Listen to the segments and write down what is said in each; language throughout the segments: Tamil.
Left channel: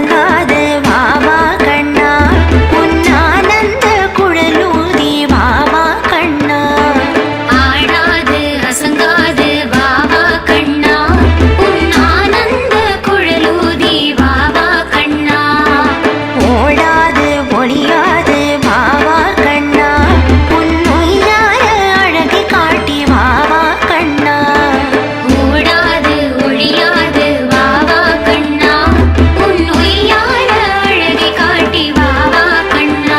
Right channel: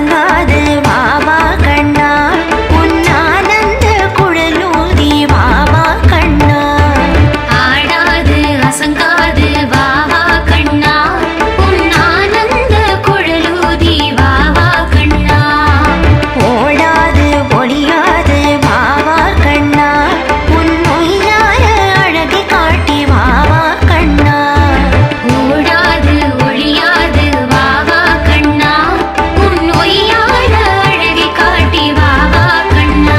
அசங்காது வாவா கண்ணா உன் ஆனந்த குழலூதி வாவா கண்ணா. ஆடாது அசங்காது வாவா கண்ணா உன் ஆனந்த குழலூதி வாவா கண்ணா. ஓடாது ஒளியாது வாவா கண்ணா உன் ஒய்யார அழகை காட்டி வாவா கண்ணா. ஓடாது ஒழியாது வாவா கண்ணா உன் ஒய்யார அழகை காட்டி வாவா கண்ணா.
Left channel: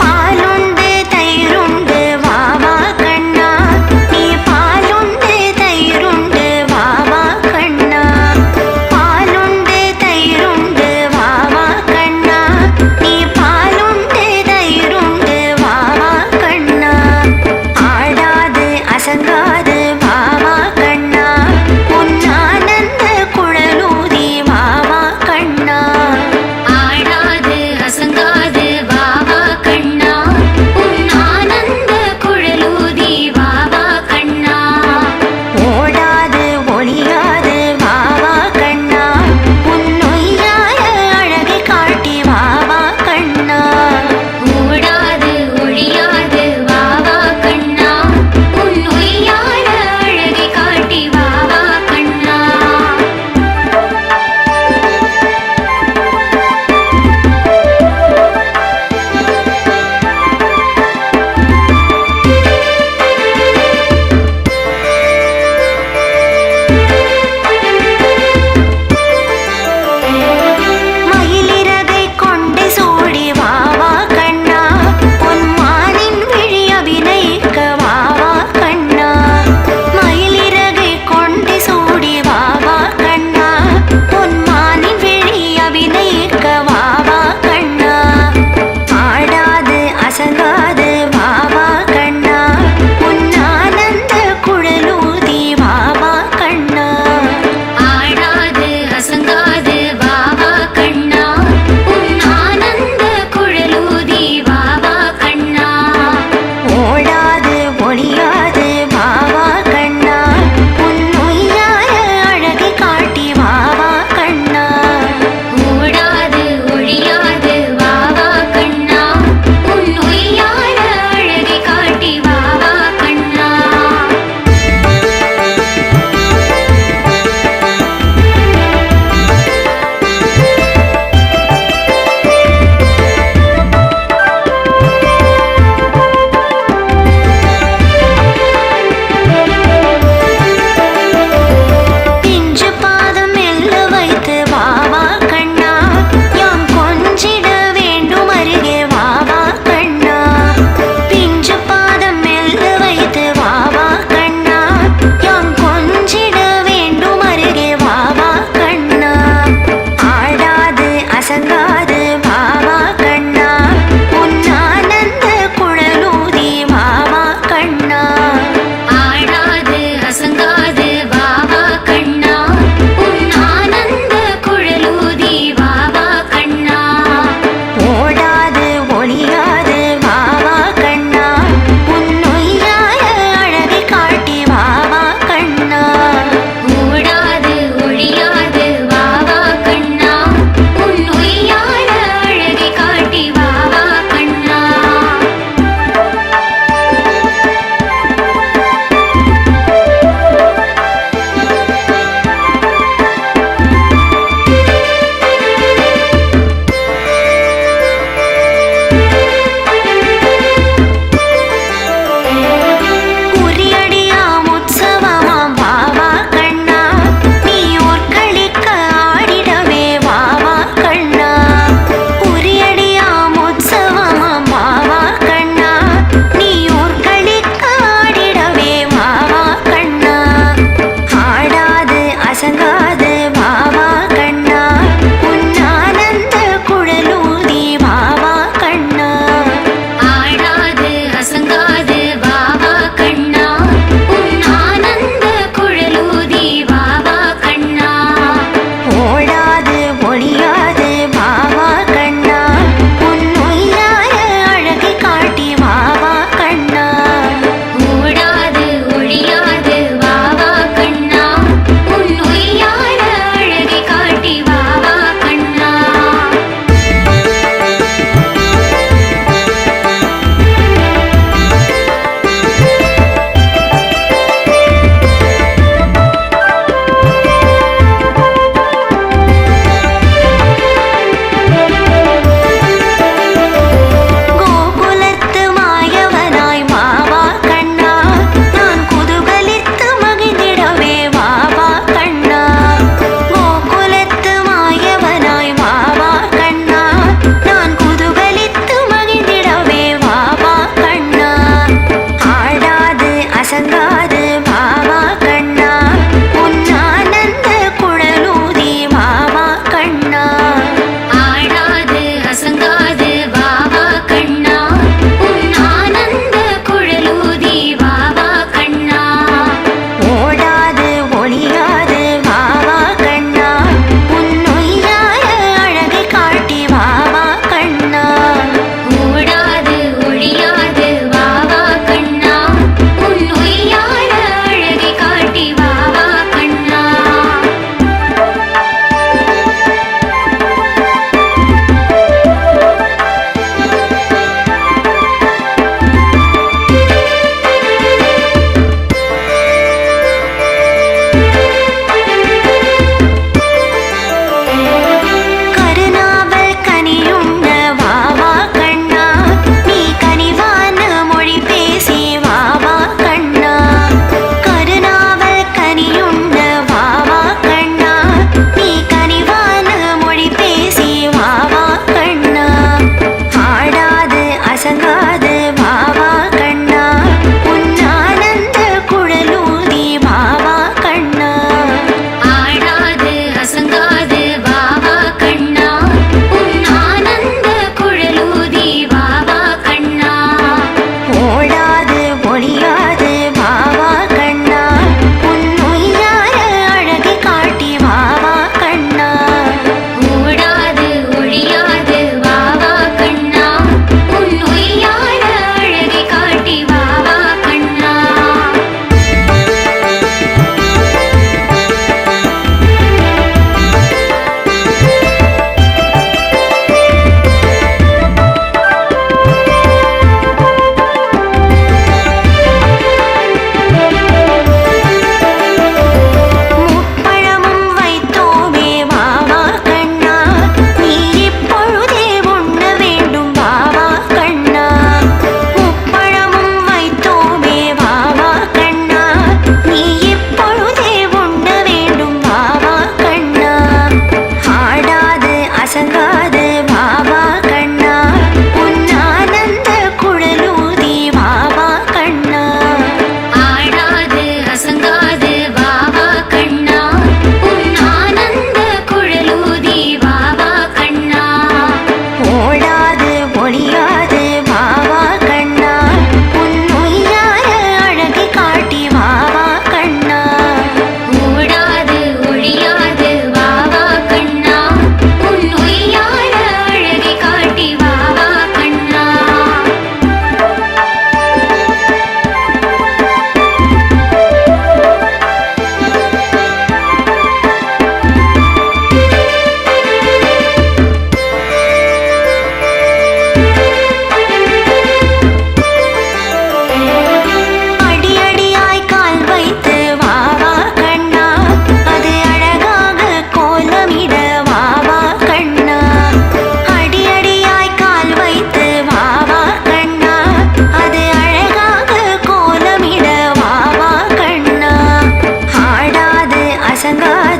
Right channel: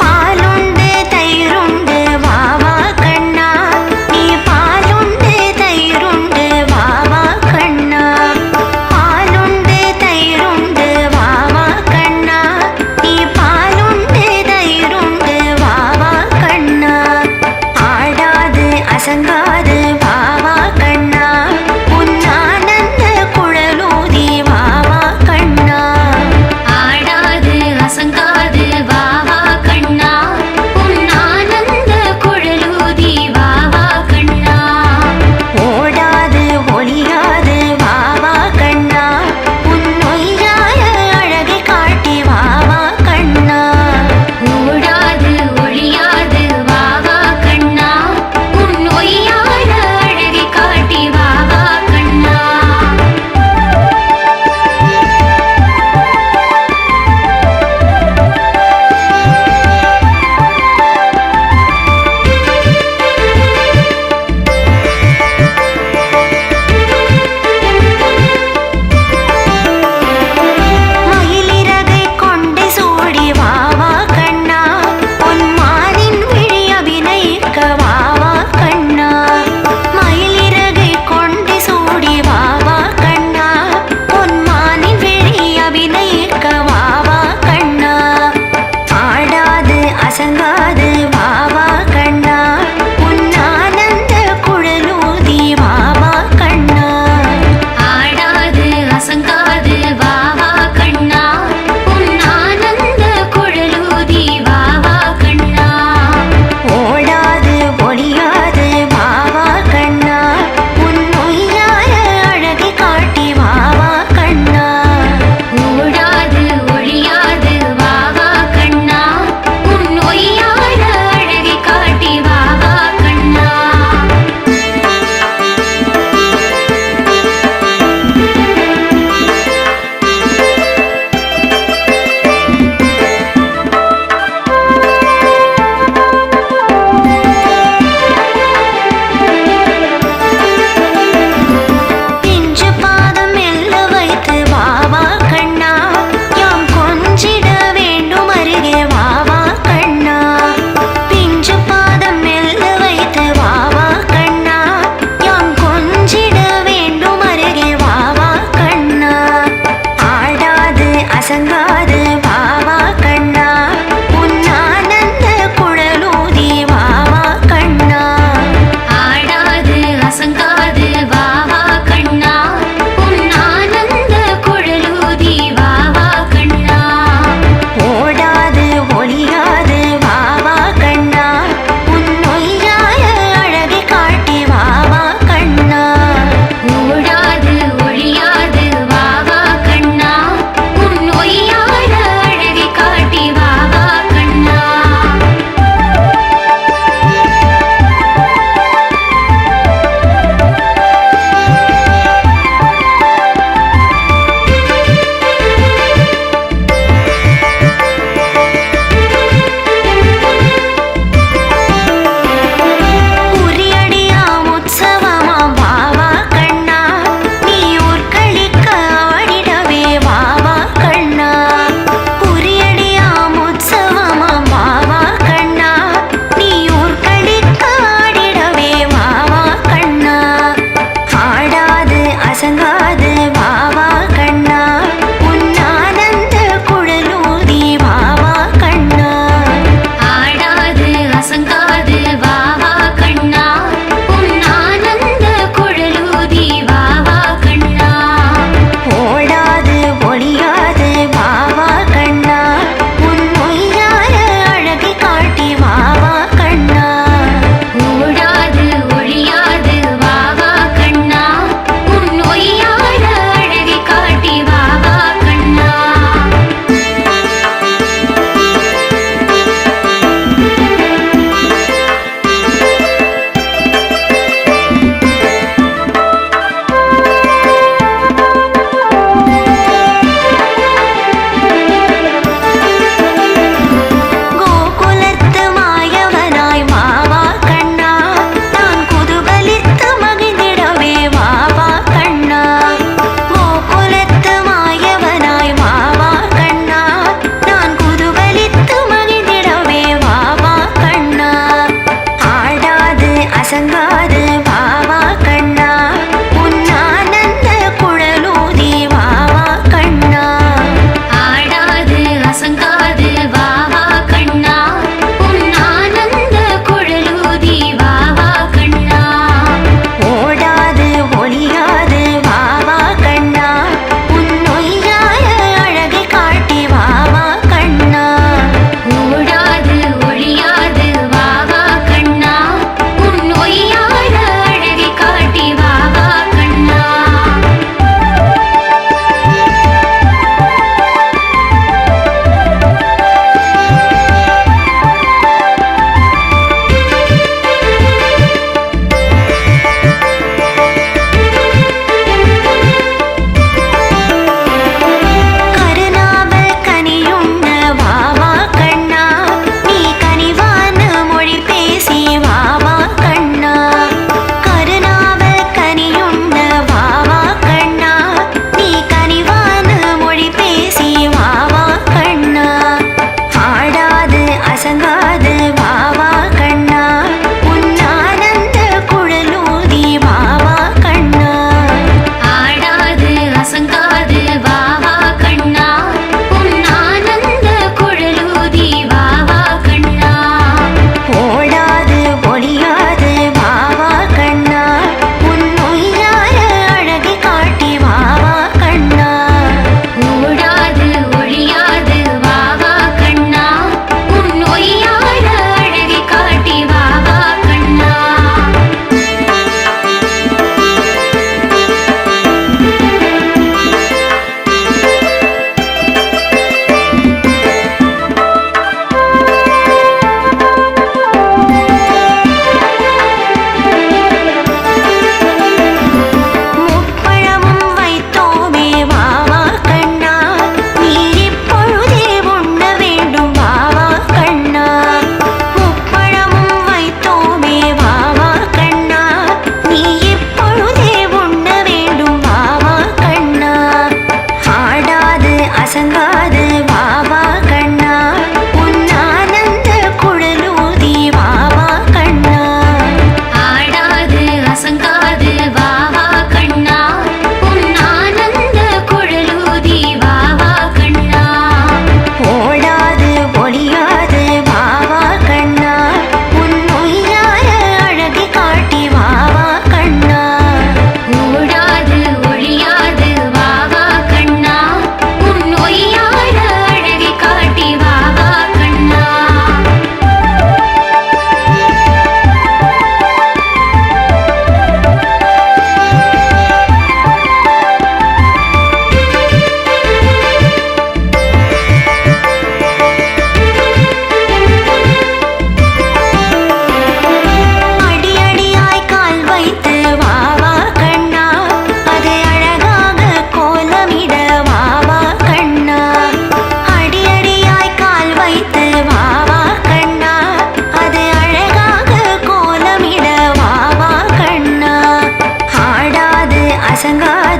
பாலுண்டு தயிருண்டு வாவா கண்ணா நீ பாலுண்டு தயிருண்டு வாவா கண்ணா. பாலுண்டு தயிருண்டு வாவா கண்ணா நீ பாலுண்டு தயிருண்டு வாவா கண்ணா. ஆடாது அசங்காது வாவா கண்ணா உன் ஆனந்த குழலூதி வாவா கண்ணா. ஆடாது அசங்காது வாவா கண்ணா உன் ஆனந்த குழலூதி வாவா கண்ணா. ஓடாது ஒளியாது வாவா கண்ணா உன் ஒய்யார அழகை காட்டி வாவா கண்ணா. ஓடாது ஒழியாது வாவா கண்ணா உன் ஒய்யார அழகை காட்டி வாவா கண்ணா. மயிலிறகை கொண்டு சூடி வாவா கண்ணா உன் மானின் விழி அபிநயிக்க வாவா கண்ணா. மயிலிறகை கொண்டு சூடி வாவா கண்ணா உன் மானின் விழி அபிநயிக்க வாவா கண்ணா. ஆடாது அசங்காது வாவா கண்ணா உன் ஆனந்த குழலூதி வாவா கண்ணா. ஆடாது அசங்காது வாவா கண்ணா உன் ஆனந்த குழலூதி வாவா கண்ணா. ஓடாது ஒளியாது வாவா கண்ணா உன் ஒய்யார அழகை காட்டி வாவா கண்ணா. ஓடாது ஒழியாது வாவா கண்ணா உன் ஒய்யார அழகை காட்டி வாவா கண்ணா. பிஞ்சு பாதம் மெல்ல வைத்து வாவா கண்ணா யாம் கொஞ்சிட வேண்டும் அருகே வாவா கண்ணா. பிஞ்சு பாதம் மெல்ல வைத்து வாவா கண்ணா யாம் கொஞ்சிட வேண்டும் அருகே வாவா கண்ணா. ஆடாது அசங்காது வாவா கண்ணா உன் ஆனந்த குழலூதி வாவா கண்ணா. ஆடாது அசங்காது வாவா கண்ணா உன் ஆனந்த குழலூதி வாவா கண்ணா. ஓடாது ஒளியாது வாவா கண்ணா உன் ஒய்யார அழகை காட்டி வாவா கண்ணா. ஓடாது ஒழியாது வாவா கண்ணா உன் ஒய்யார அழகை காட்டி வாவா கண்ணா. குறியடியாம் உற்சவமாம் வாவா கண்ணா நீ ஊர்களிக்க ஆடிடவே வாவா கண்ணா. குறியடியாம் உற்சவமாம் வாவா கண்ணா நீ ஊர்களிக்க ஆடிடவே வாவா கண்ணா. ஆடாது அசங்காது வாவா கண்ணா உன் ஆனந்த குழலூதி வாவா கண்ணா. ஆடாது அசங்காது வாவா கண்ணா உன் ஆனந்த குழலூதி வாவா கண்ணா.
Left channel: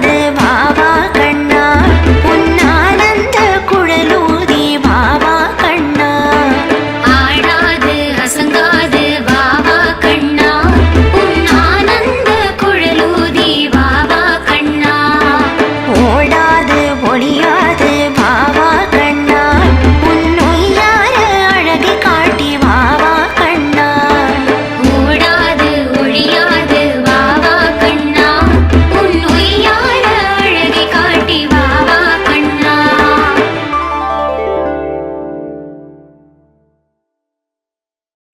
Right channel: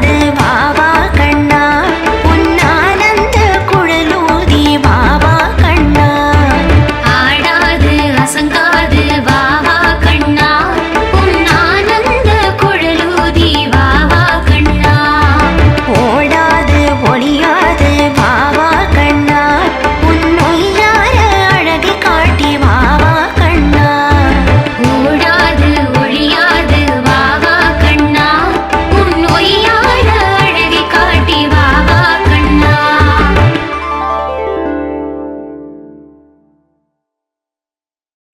அசங்காது வாவா கண்ணா உன்னானந்த குழலூதி வாவா கண்ணா ஆடாது அசங்காது வாவா கண்ணா உன் ஆனந்த குழலூதி வாவா கண்ணா ஓடாது ஒளியாது வாவா கண்ணா உன்னொய்யார அழகை காட்டி வாவா கண்ணா ஓடாது ஒழியாது வாவா கண்ணா உன் ஒய்யார அழகை காட்டி வாவா கண்ணா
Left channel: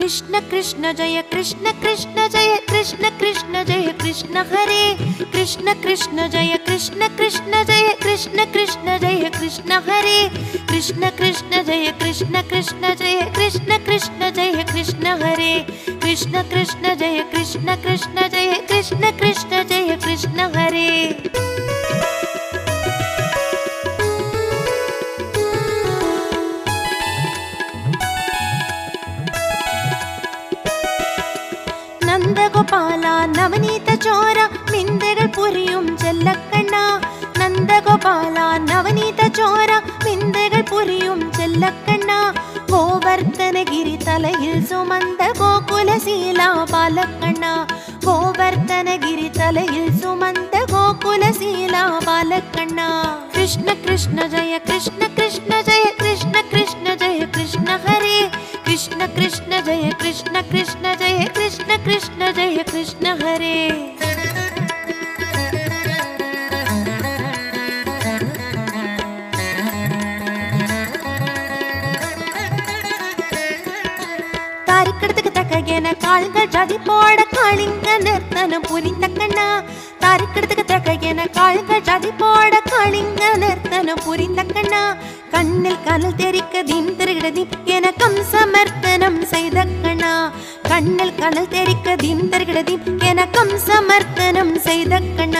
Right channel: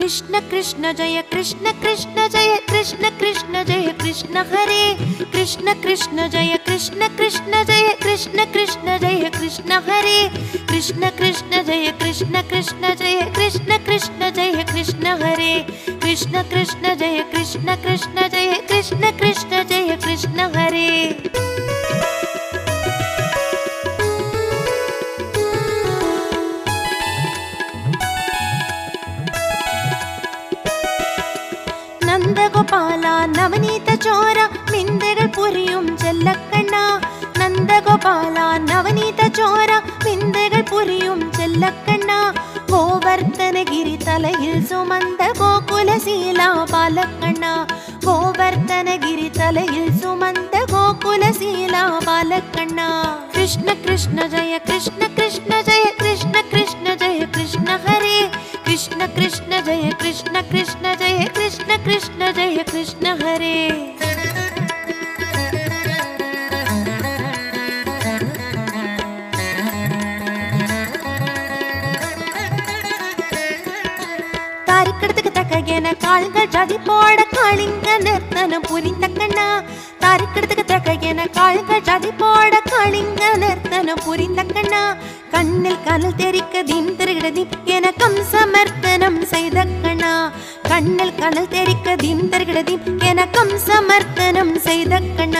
कृष्ण कृष्ण जय कृष्ण कृष्ण जय कृष्ण कृष्ण जय कृष्ण हरे कृष्ण कृष्ण जय कृष्ण कृष्ण जय कृष्ण कृष्ण जय कृष्ण हरे कृष्ण कृष्ण जय कृष्ण कृष्ण जय कृष्ण कृष्ण जय कृष्ण हरे कृष्ण कृष्ण जय कृष्ण कृष्ण जय कृष्ण कृष्ण जय कृष्ण हरे നന്ദഗോപാല നവനീത ചോര വിന്ദകൾ പുരിയും ചെല്ലക്കണ്ണ നന്ദഗോപാല നവനീത ചോര വിന്ദകൾ പുരിയും ചെല്ലക്കണ്ണ ഗോവർദ്ധനഗിരി തലയിൽ സുമന്ത ഗോകുലശീല ബാലക്കണ്ണ ഗോവർദ്ധനഗിരി തലയിൽ സുമന്ത ഗോകുലശീല ബാലക്കണ്ണ കൃഷ്ണ കൃഷ്ണ ജയ കൃഷ്ണ കൃഷ്ണ ജയ കൃഷ്ണ കൃഷ്ണ ജയ കൃഷ്ണ ഹരേ कृष्ण कृष्ण जय कृष्ण कृष्ण जय कृष्ण कृष्ण जय कृष्ण हरे താരിക്കടത്തുക്ക് തക്കകേന കാളുകൾ ജാതി പോട കാളിങ്ക നിർത്തനം പുരിന്തക്കണ്ണ താരിക്കടത്തുക്ക് തക്കകേന കാളുകൾ ജാതി പോട കാളിങ്ക നിർത്തനം പുരിന്തക്കണ്ണ കണ്ണിൽ കനൽ തെരിക്ക ദീം തിരുകിടതി എനക്കം സമർത്തനം ചെയ്ത കണ്ണ കണ്ണിൽ കനൽ തെരിക്ക ദീം തിരുകിടതി എനക്കം സമർത്തനം ചെയ്ത കണ്ണ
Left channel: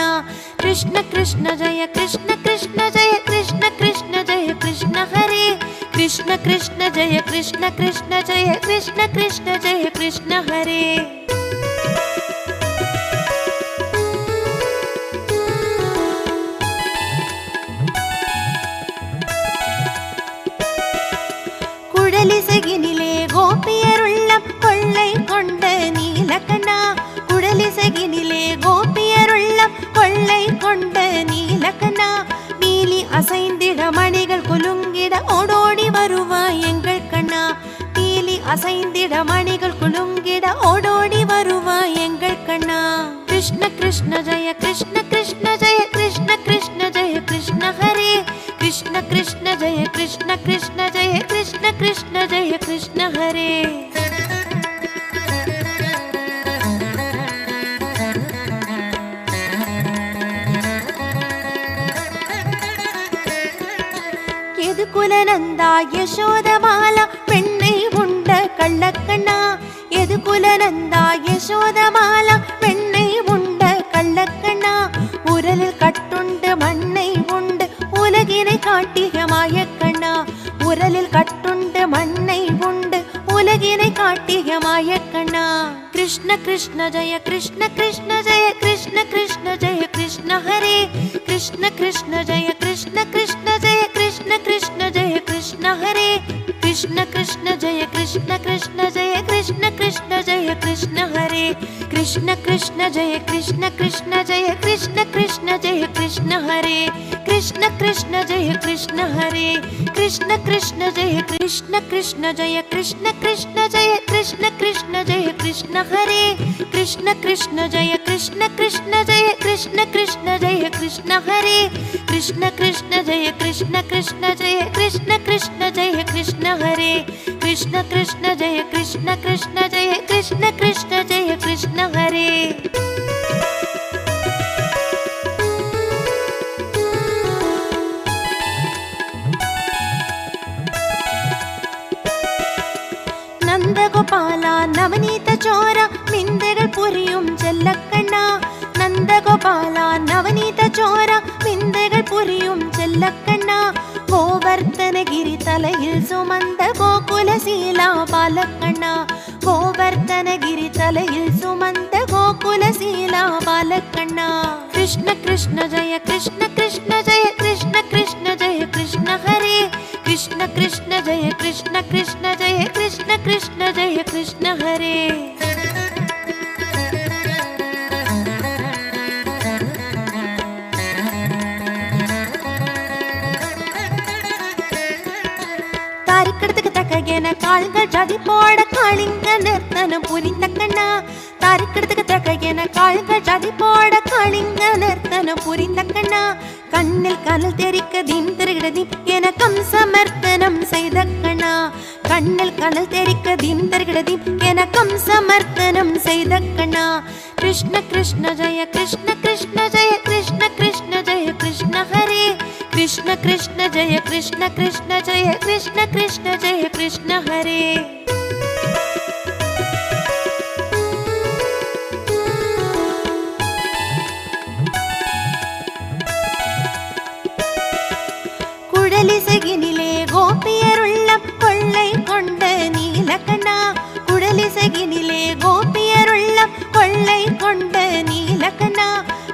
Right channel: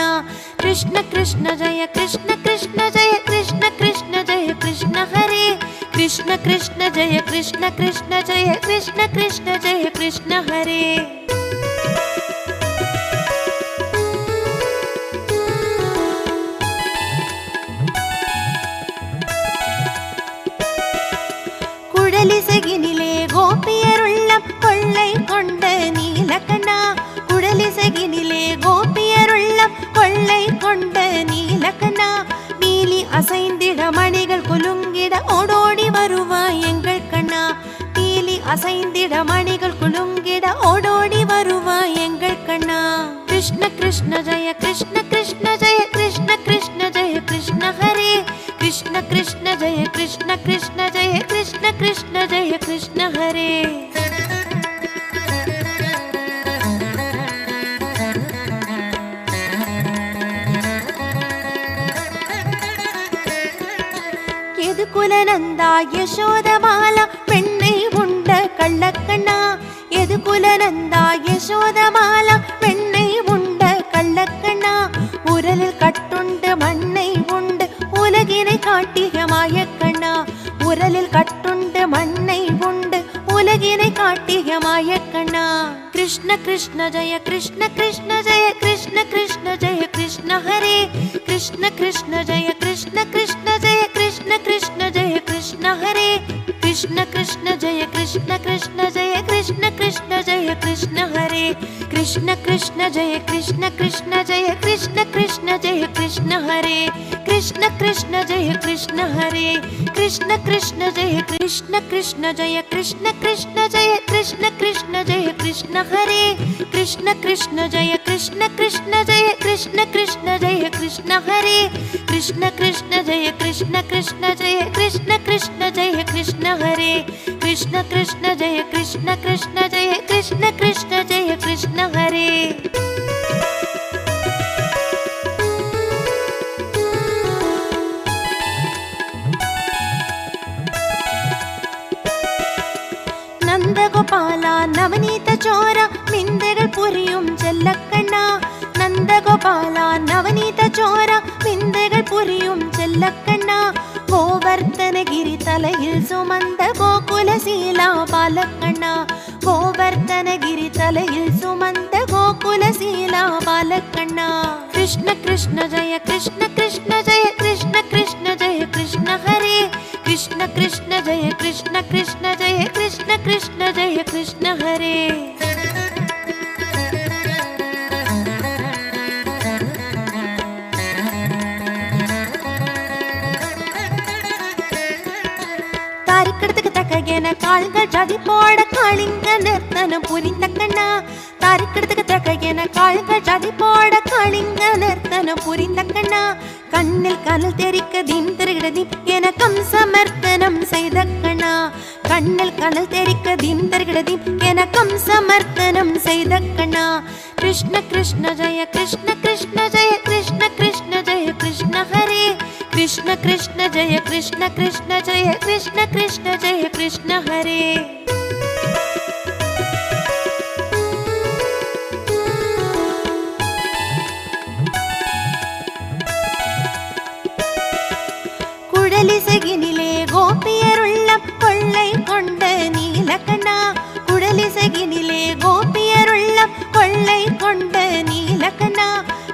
കൃഷ്ണ കൃഷ്ണ ജയ കൃഷ്ണ കൃഷ്ണ ജയ കൃഷ്ണ കൃഷ്ണ ജയ കൃഷ്ണ ഹരേ കൃഷ്ണ കൃഷ്ണ ജയ കൃഷ്ണ കൃഷ്ണ ജയ കൃഷ്ണ കൃഷ്ണ ജയ കൃഷ്ണ ഹരേ കുഴലിസകിനിലെ ഗോപിയരുള്ളം കൊള്ളை கொண்ட நீலகண்ணா குழலிசகினிலே கோபியருள்ளம் கொள்ளை கொண்ட நீலகண்ணா நீலி அசைந்திட மணிகள் குலுங்கிட ஓடோடி வருவாய் எங்கள் கண்ணா நீலி அசைந்திட மணிகள் குலுங்கிட ஓடோடி வருவாய் எங்கள் கண்ணா கிருஷ்ண கிருஷ்ண ஜெய கிருஷ்ண கிருஷ்ண ஜெய கிருஷ்ண கிருஷ்ண ஜெய கிருஷ்ண ஹரே कृष्ण कृष्ण जय कृष्ण कृष्ण जय कृष्ण कृष्ण जय कृष्ण हरे യദുകുലനന്ദ യശോദമാല പെണ്ണை உண்ட கள்ளக்கண்ணா യദുകുലനന്ദ യശോദമാല പെണ്ണை உண்ட கள்ளக்கண்ணா உரலில் கட்டுண்டு மண்ணை உண்டு உலகினை காட்டிய மாயக்கண்ணா உரலில் கட்டுண்டு மண்ணை உண்டு உலகினை காட்டிய மாயக்கண்ணா கிருஷ்ண கிருஷ்ண ஜெய கிருஷ்ண கிருஷ்ண ஜெய கிருஷ்ண கிருஷ்ண ஜெய கிருஷ்ண ஹரே கிருஷ்ண கிருஷ்ண ஜெய கிருஷ்ண கிருஷ்ண ஜெய கிருஷ்ண கிருஷ்ண ஜெய கிருஷ்ண ஹரே கிருஷ்ண கிருஷ்ண ஜெய கிருஷ்ண கிருஷ்ண ஜெய கிருஷ்ண கிருஷ்ண ஜெய கிருஷ்ண ஹரே கிருஷ்ண கிருஷ்ண ஜெய கிருஷ்ண கிருஷ்ண ஜெய கிருஷ்ண கிருஷ்ண ஜெய கிருஷ்ண ஹரே கிருஷ்ண கிருஷ்ண ஜெய கிருஷ்ண ஹரே கிருஷ்ண கிருஷ்ண ஜெய கிருஷ்ண கிருஷ்ண ஜெய கிருஷ்ண கிருஷ்ண ஜெய கிருஷ்ண கிருஷ்ண ஜெய கிருஷ்ண ஹரே கிருஷ்ண கிருஷ்ண ஜெய கிருஷ்ண கிருஷ்ண ஜெய கிருஷ்ண கிருஷ்ண ஜெய கிருஷ்ண ஹரே கிருஷ்ண கிருஷ்ண ஜெய கிருஷ்ண கிருஷ்ண ஜெய கிருஷ்ண கிருஷ்ண ஜெய கிருஷ்ண ஹரே கிருஷ்ண கிருஷ்ண ஜெய கிருஷ்ண கிருஷ்ண ஜெய கிருஷ்ண கிருஷ்ண ஜெய கிருஷ்ண ஹரே നന്ദഗോപാല നവനീത ചോര വിന്ദകൾ പുരിയും ചെല്ലക്കണ്ണ നന്ദഗോപാല നവനീത ചോര വിന്ദകൾ പുരിയും ചെല്ലക്കണ്ണ ഗോവർദ്ധനഗിരി തലയിൽ സുമന്ത ഗോകുലശീല ബാലക്കണ്ണ ഗോവർദ്ധനഗിരി തലയിൽ സുമന്ത ഗോകുല गोकुलशीला बालकण्णा कृष्ण कृष्ण जय कृष्ण कृष्ण जय कृष्ण कृष्ण जय कृष्ण हरे कृष्ण कृष्ण जय कृष्ण कृष्ण जय कृष्ण कृष्ण जय कृष्ण हरे தாரிக்கெடுத்துக்கு தக்கையன கால்கள் ஜாதி போட காளிங்க நிறுத்தனம் புரிந்த கண்ணா தாரிக்கெடுத்துக்கு தக்கையன கால்கள் ஜாதி போட காளிங்க நிறுத்தனம் புரிந்த கண்ணா கண்ணில் கனல் தெரிக்க தீம் திருகிடதீம் என கம்சமர்த்தனம் செய்த கண்ணா கண்ணில் கனல் தெரிக்க தீம் திருகிடதீம் என கம்சமர்த்தனம் செய்த கண்ணா கிருஷ்ண கிருஷ்ண ஜெய கிருஷ்ண கிருஷ்ண ஜெய கிருஷ்ண கிருஷ்ண ஜெய கிருஷ்ண ஹரே कृष्ण कृष्ण जय कृष्ण कृष्ण जय कृष्ण कृष्ण जय कृष्ण हरे குடலிசையினிலே கோபியருள்ளம் கொள்ளை கொண்ட நீலகண்ணா குடலிசையினிலே கோபியருள்ளம் கொள்ளை கொண்ட நீலகண்ணா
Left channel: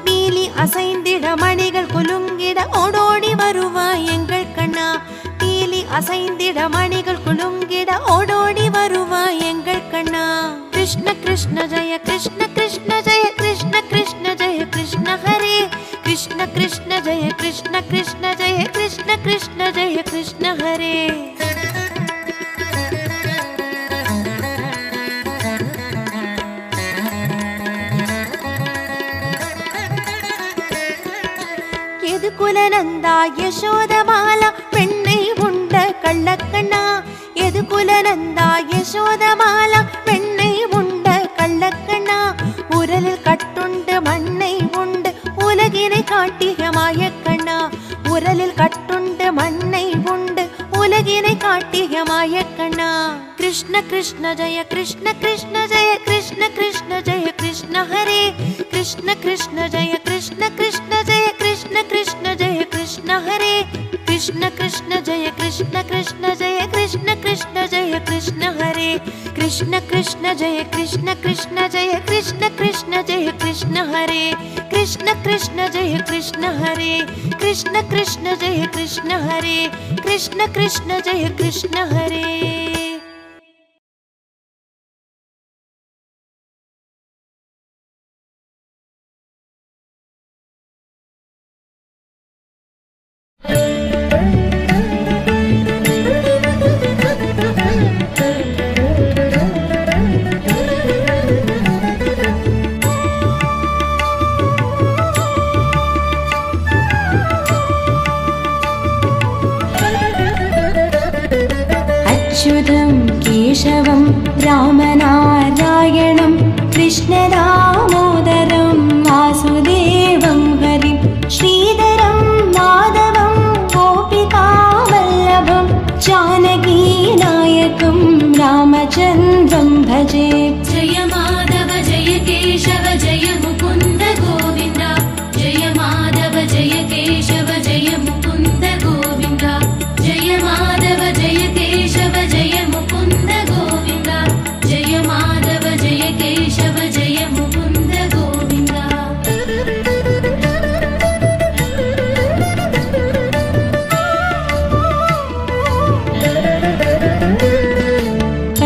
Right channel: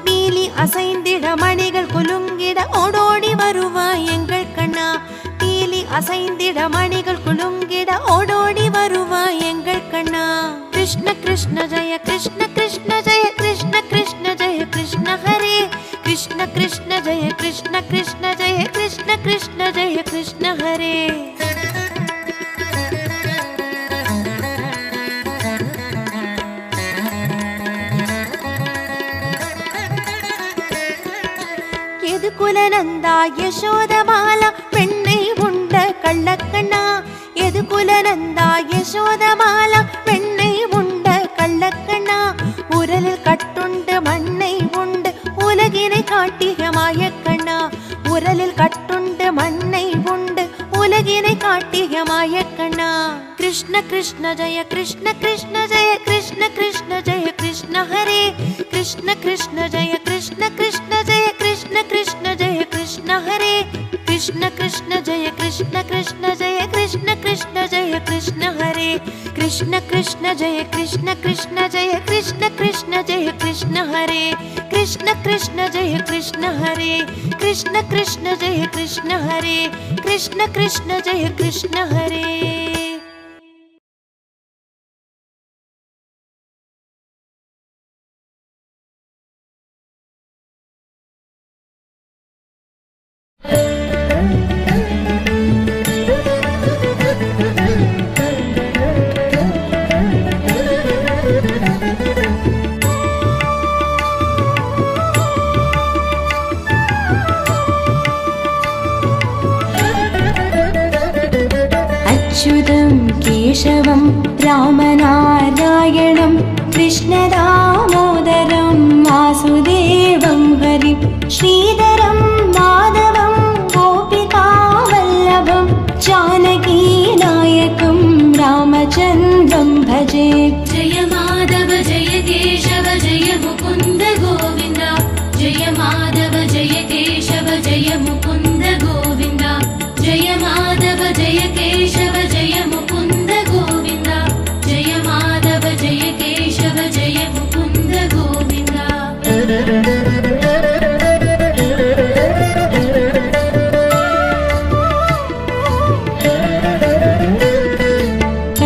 நீலி அசைந்திட மணிகள் குலுங்கிட ஓடோடி வருவாய் எங்கள் கண்ணா நீலி அசைந்திட மணிகள் குலுங்கிட ஓடோடி வருவாய் எங்கள் கண்ணா கிருஷ்ண கிருஷ்ண ஜெய கிருஷ்ண கிருஷ்ண ஜெய கிருஷ்ண கிருஷ்ண ஜெய கிருஷ்ண ஹரே கிருஷ்ண கிருஷ்ண ஜெய கிருஷ்ண கிருஷ்ண ஜெய கிருஷ்ண கிருஷ்ண ஜெய கிருஷ்ண ஹரே குலநந்தா யசோதமாலா பெண்ணை உண்ட கள்ளக்கண்ணா எது குலநந்தா யசோதமாலா பெண்ணை உண்ட கள்ளக்கண்ணா உரலில் கட்டுண்டு மண்ணை உண்டு உலகினை காட்டிய மாயக்கண்ணா உரலில் கட்டுண்டு மண்ணை உண்டு உலகினை காட்டிய மாயக்கண்ணா கிருஷ்ண கிருஷ்ண ஜெய கிருஷ்ண கிருஷ்ண ஜெய கிருஷ்ண கிருஷ்ண ஜெய கிருஷ்ண ஹரே கிருஷ்ண கிருஷ்ண ஜெய கிருஷ்ண கிருஷ்ண ஜெய கிருஷ்ண கிருஷ்ண ஜெய கிருஷ்ண ஹரே கிருஷ்ண கிருஷ்ண ஜெய கிருஷ்ண கிருஷ்ண ஜெய கிருஷ்ண கிருஷ்ண ஜெய கிருஷ்ண ஹரே கிருஷ்ண கிருஷ்ண ஜெய கிருஷ்ண கிருஷ்ண ஜெய கிருஷ்ண கிருஷ்ண ஜெய கிருஷ்ண ஹரே கிருஷ்ண கிருஷ்ண ஜெய கிருஷ்ண ஹரே கிருஷ்ண கிருஷ்ண ஜெய கிருஷ்ண ஹரே கிருஷ்ண கிருஷ்ண ஜெய கிருஷ்ண ஹரே अच्युतं केशवं रामनारायणं कृष्णदामोदरं वासुदेवं हरिं श्रीधरं माधवं गोपिकावल्लभं जानकीनायकं रामचन्द्रं भजे जय माधव जय केशव जय मुकुन्द गोविन्द जय माधव जय केशव जय मुकुन्द गोविन्द जय माधव जय केशव जय मुकुन्द गोविन्द जय माधव जय केशव जय मुकुन्द गोविन्द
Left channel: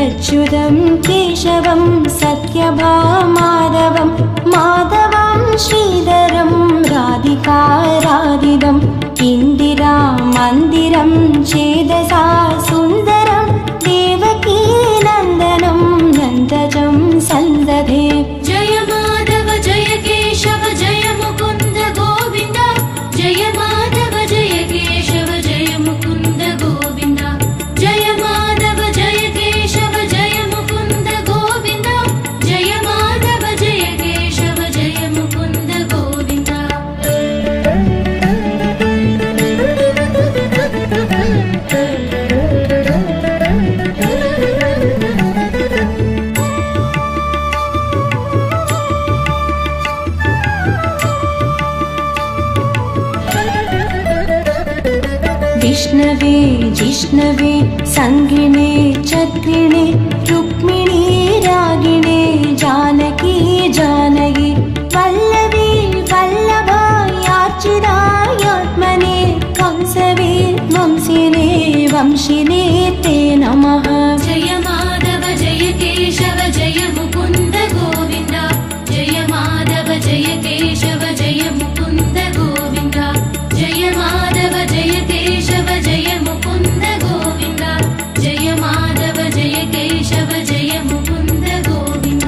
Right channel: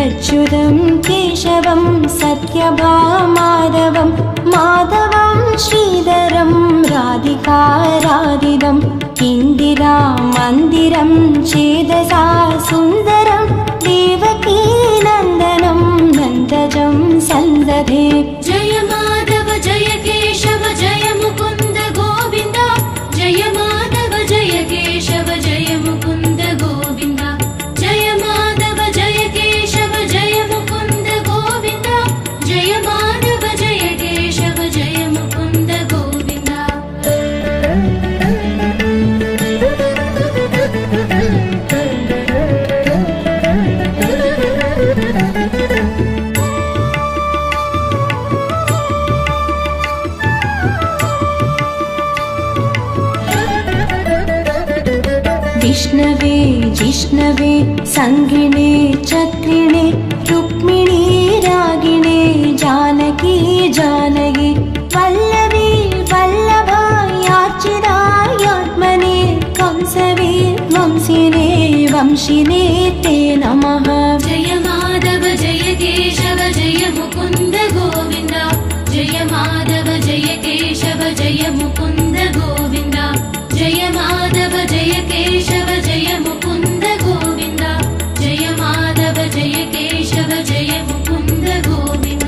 अच्युतं केशवं सत्यभामाधवं माधवं श्रीधरं राधिकाराधितम् इन्दिरा मन्दिरं चेदसा सुन्दरं देवकी नन्दनं नन्दजं सन्दधे जय माधव जय केशव जय मुकुन्द गोविन्द जय माधव जय केशव जय मुकुन्द गोविन्द जय माधव जय केशव जय मुकुन्द गोविन्द जय माधव जय केशव जय मुकुन्द गोविन्द विष्णवे जिष्णवे संगिणे चक्रिणे रुक्मिणी रागिणे जानकी जानकी वल्लभी वल्लभायार्चितायात्मने कंसवे वंशिने वंशिने ते नमः। जय माधव जय केशव जय मुकुन्द गोविन्द जय माधव जय केशव जय मुकुन्द गोविन्द जय माधव जय केशव जय मुकुन्द गोविन्द जय माधव जय केशव जय मुकुन्द गोविन्द।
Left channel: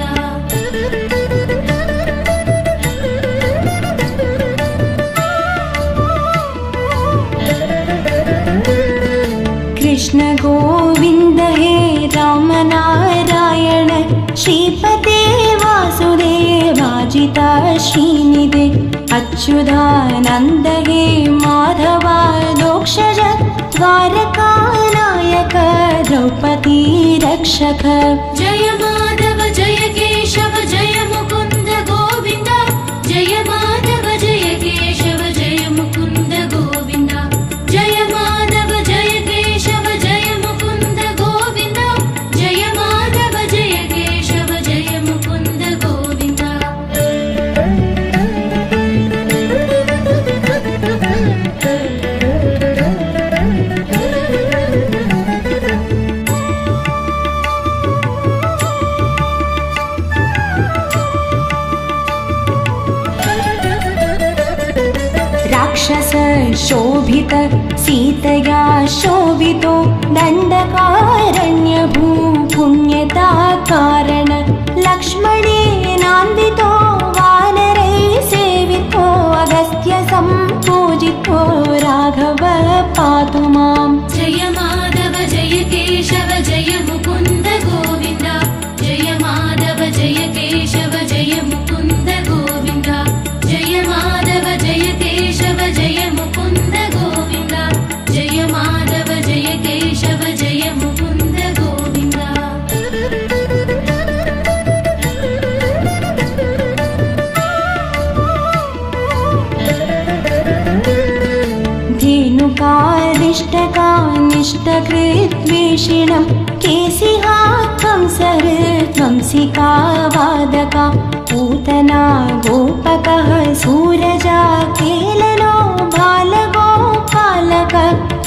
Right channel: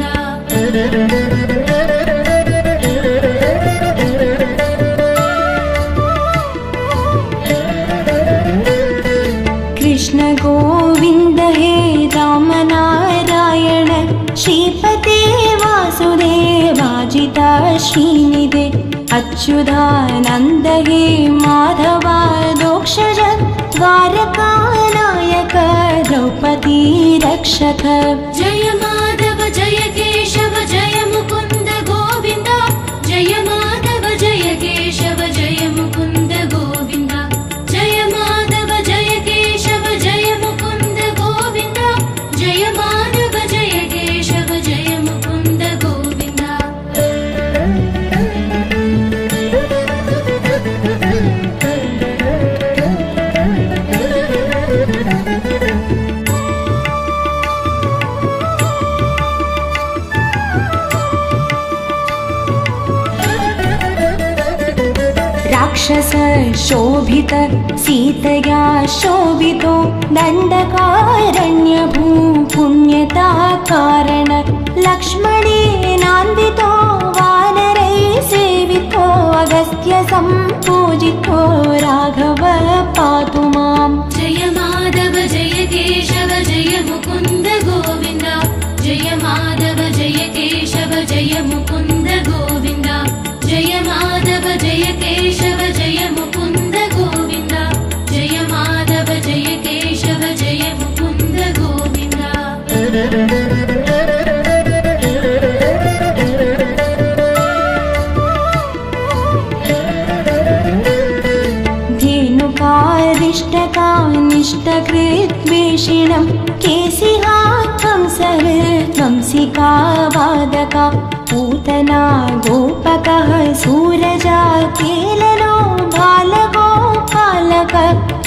कृष्ण गोविन्द हे राम नारायण श्रीपते वासुदेवाजिता श्रीनिधे अच्युतानन्द हे माधवा दोक्षज द्वारकानायक द्रौपदी रक्षक। जय माधव जय केशव जय मुकुन्द गोविन्द जय माधव जय केशव जय मुकुन्द गोविन्द जय माधव जय केशव जय मुकुन्द गोविन्द जय माधव जय केशव जय मुकुन्द गोविन्द। राक्षस शोभित सीतया शोभितो दण्डकारण्य भूपुण्यता कारण लक्ष्मणेनान्वितो वानरै सेवितो अगस्त्य सम्पूजितो राघव पातु माम्। जय माधव जय केशव जय मुकुन्द गोविन्द जय माधव जय केशव जय मुकुन्द गोविन्द जय माधव जय केशव जय मुकुन्द गोविन्द जय माधव जय केशव जय मुकुन्द गोविन्द। धेनुकारिष्टकानिष्टकृद्वेषिणं केशिहा कंसहृद्वंसिका वादका पूतना गोपकः सूरजा केलनो बालगोपालक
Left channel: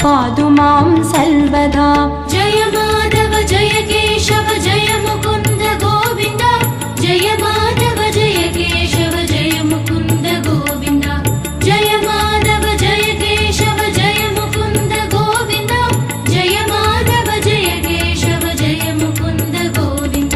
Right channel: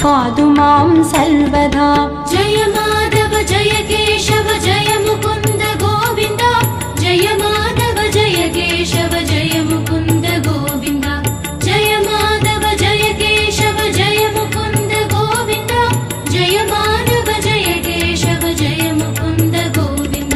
पातु मां सर्वदा। जय माधव जय केशव जय मुकुन्द गोविन्द जय माधव जय केशव जय मुकुन्द गोविन्द जय माधव जय केशव जय मुकुन्द गोविन्द जय माधव जय केशव जय मुकुन्द गोविन्द।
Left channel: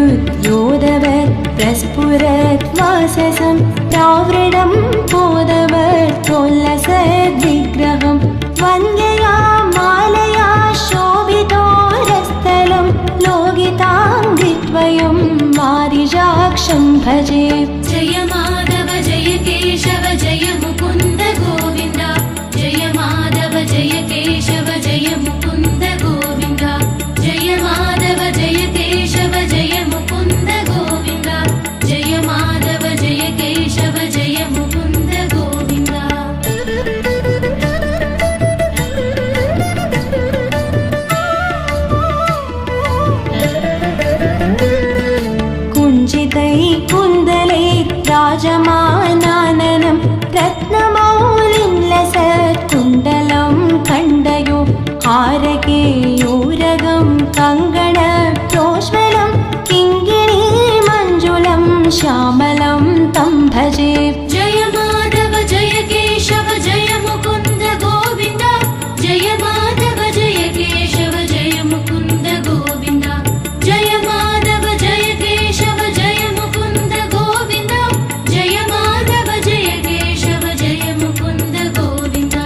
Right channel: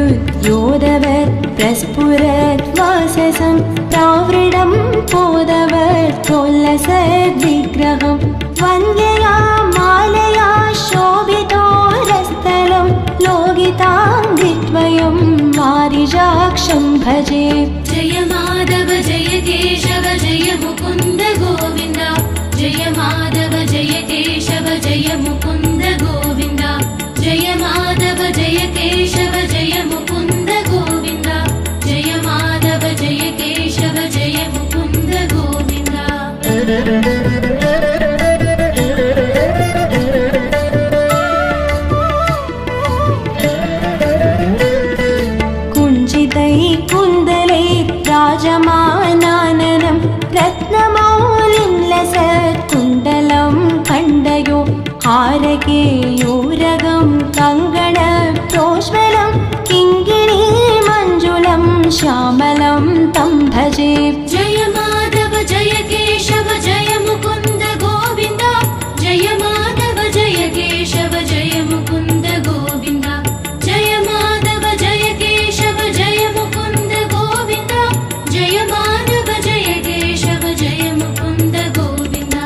विद्युदुद्योतवत् प्रस्फुरत् वाससं प्रावृणं पोदवत् प्रोल्लसद्विग्रहं वन्द्यया मालया शोभितोरस्थलं लोकिताङ्घ्रिद्वयं वारिजाक्षं भजे। जय माधव जय केशव जय मुकुन्द गोविन्द जय माधव जय केशव जय मुकुन्द गोविन्द जय माधव जय केशव जय मुकुन्द गोविन्द जय माधव जय केशव जय मुकुन्द गोविन्द। कुञ्जितैः कुन्दलैः राजमानाननं रत्नमौलिं लसत्कुण्डलं खण्डयो हारकेयूरगं कङ्गणप्रोज्वलं किङ्गिणी मञ्जुलं श्यामलं तं भजे। जय माधव जय केशव जय मुकुन्द गोविन्द जय माधव जय केशव जय मुकुन्द गोविन्द जय माधव जय केशव जय मुकुन्द गोविन्द जय माधव जय केशव जय मुकुन्द गोविन्द।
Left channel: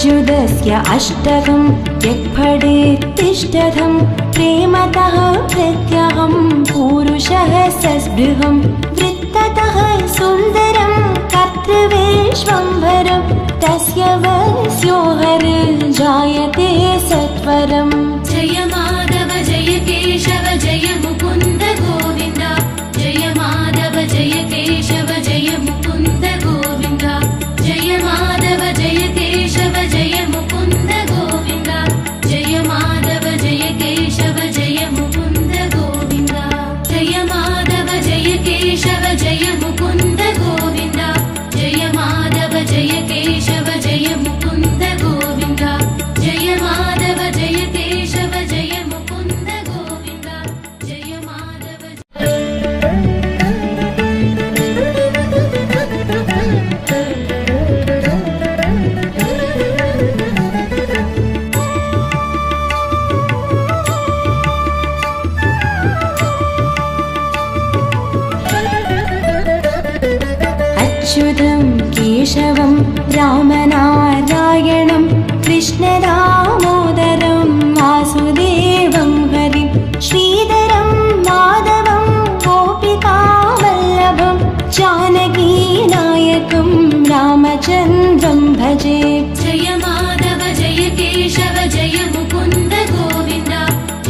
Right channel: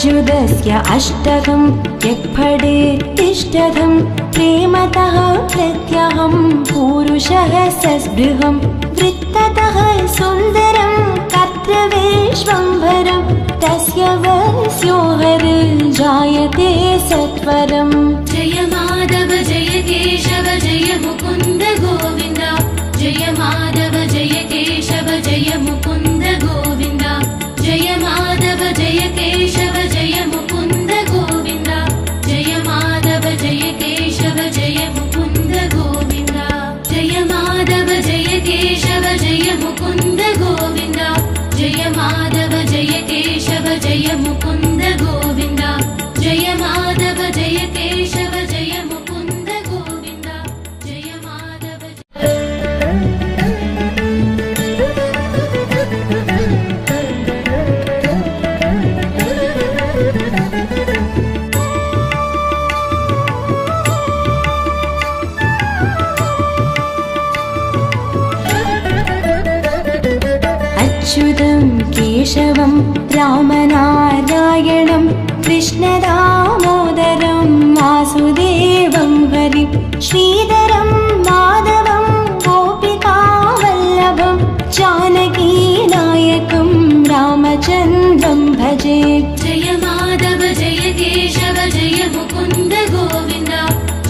अच्युतस्य अष्टकं यक्फडेत् तिष्ठतं प्रेमतः प्रत्यहं पुरुषः सस्पृहं वृत्ततः सुन्दरं कर्तृविश्वम्भरं तस्य वस्यो हरिर्जायते सत्वरम्। जय माधव जय केशव जय मुकुन्द गोविन्द जय माधव जय केशव जय मुकुन्द गोविन्द जय माधव जय केशव जय मुकुन्द गोविन्द जय माधव जय केशव जय मुकुन्द गोविन्द जय माधव जय केशव जय मुकुन्द गोविन्द जय माधव जय केशव जय मुकुन्द गोविन्द जय माधव जय केशव जय मुकुन्द गोविन्द जय माधव अच्युतं केशवं रामनारायणं कृष्णदामोदरं वासुदेवं हरिं श्रीधरं माधवं गोपिकावल्लभं जानकीनायकं रामचन्द्रं भजे। जय माधव जय केशव जय मुकुन्द गोविन्द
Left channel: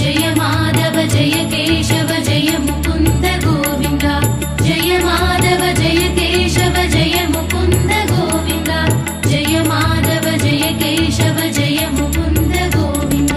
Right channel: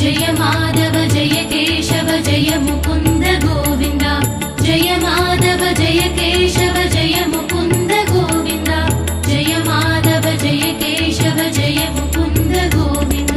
जय माधव जय केशव जय मुकुन्द गोविन्द जय माधव जय केशव जय मुकुन्द गोविन्द जय माधव जय केशव जय मुकुन्द गोविन्द।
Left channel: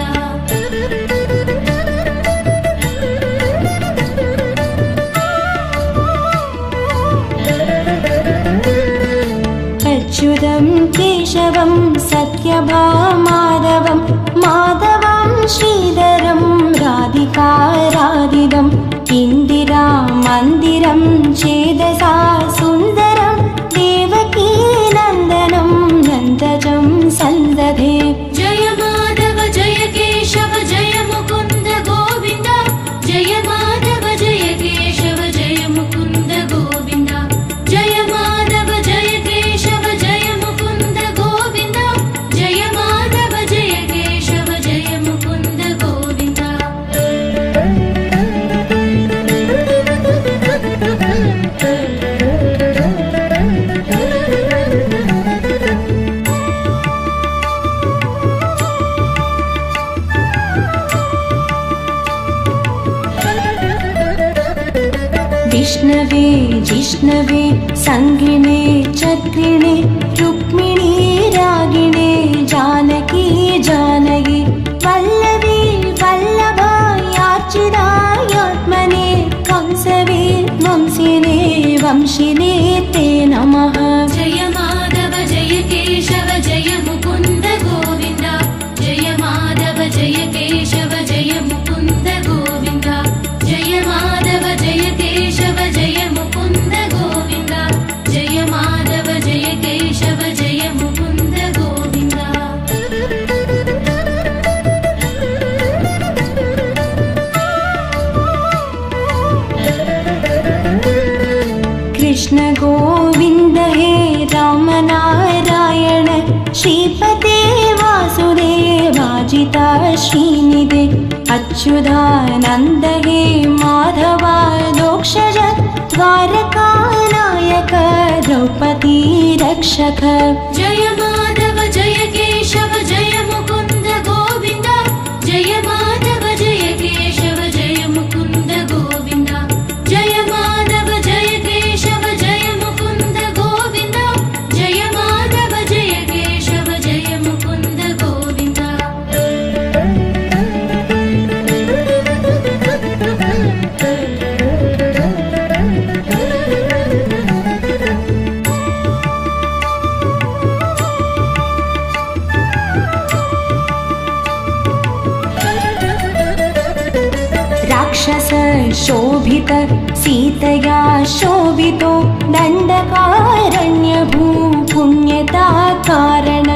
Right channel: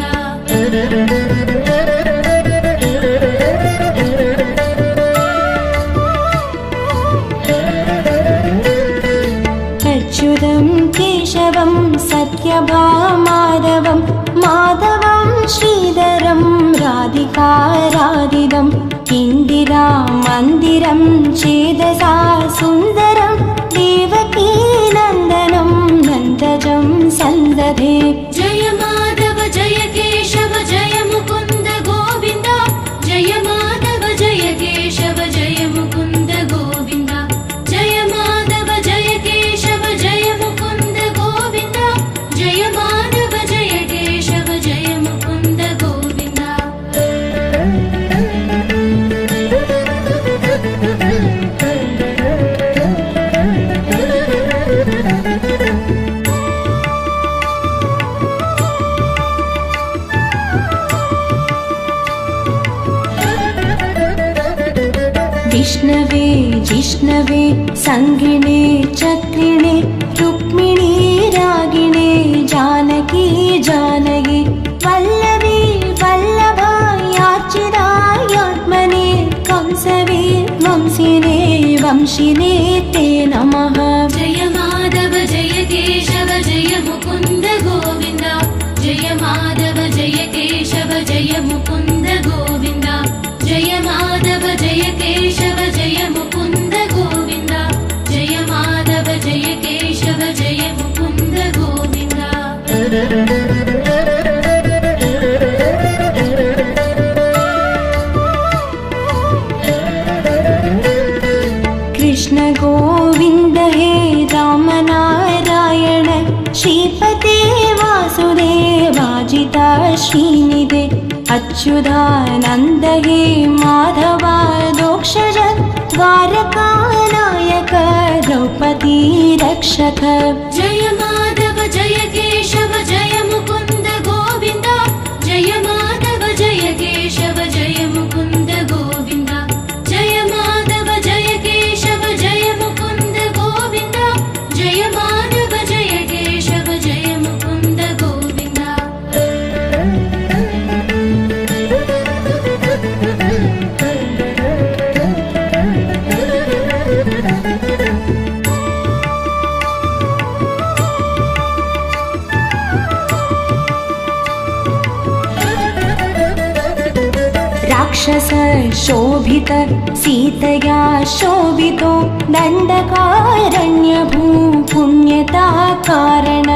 अच्युतं केशवं सत्यभामाधवं माधवं श्रीधरं राधिकाराधितं इन्दिरा मन्दिरं चेदसा सुन्दरं देवकी नन्दनं नन्दजं सन्दधे। जय माधव जय केशव जय मुकुन्द गोविन्द जय माधव जय केशव जय मुकुन्द गोविन्द जय माधव जय केशव जय मुकुन्द गोविन्द जय माधव जय केशव जय मुकुन्द गोविन्द। विष्णवे जिष्णवे संगिणे चक्रिणे रुक्मिणी रागिणे जानकी जानकी वल्लभी वल्लभायार्चितायात्मने कंसवे वंशिने वंशिने ते नमः। जय माधव जय केशव जय मुकुन्द गोविन्द जय माधव जय केशव जय मुकुन्द गोविन्द जय माधव जय केशव जय मुकुन्द गोविन्द जय माधव जय केशव जय मुकुन्द गोविन्द। कृष्ण गोविन्द हे राम नारायण श्रीपते वासुदेवाजिता श्रीनिधे अच्युतानन्द हे माधवा दोक्षज द्वारकानायक द्रौपदी रक्षक। जय माधव जय केशव जय मुकुन्द गोविन्द जय माधव जय केशव जय मुकुन्द गोविन्द जय माधव जय केशव जय मुकुन्द गोविन्द जय माधव जय केशव जय मुकुन्द गोविन्द। राक्षस शोभित सीतया शोभितो दण्डकारण्यभू पुण्यता कारण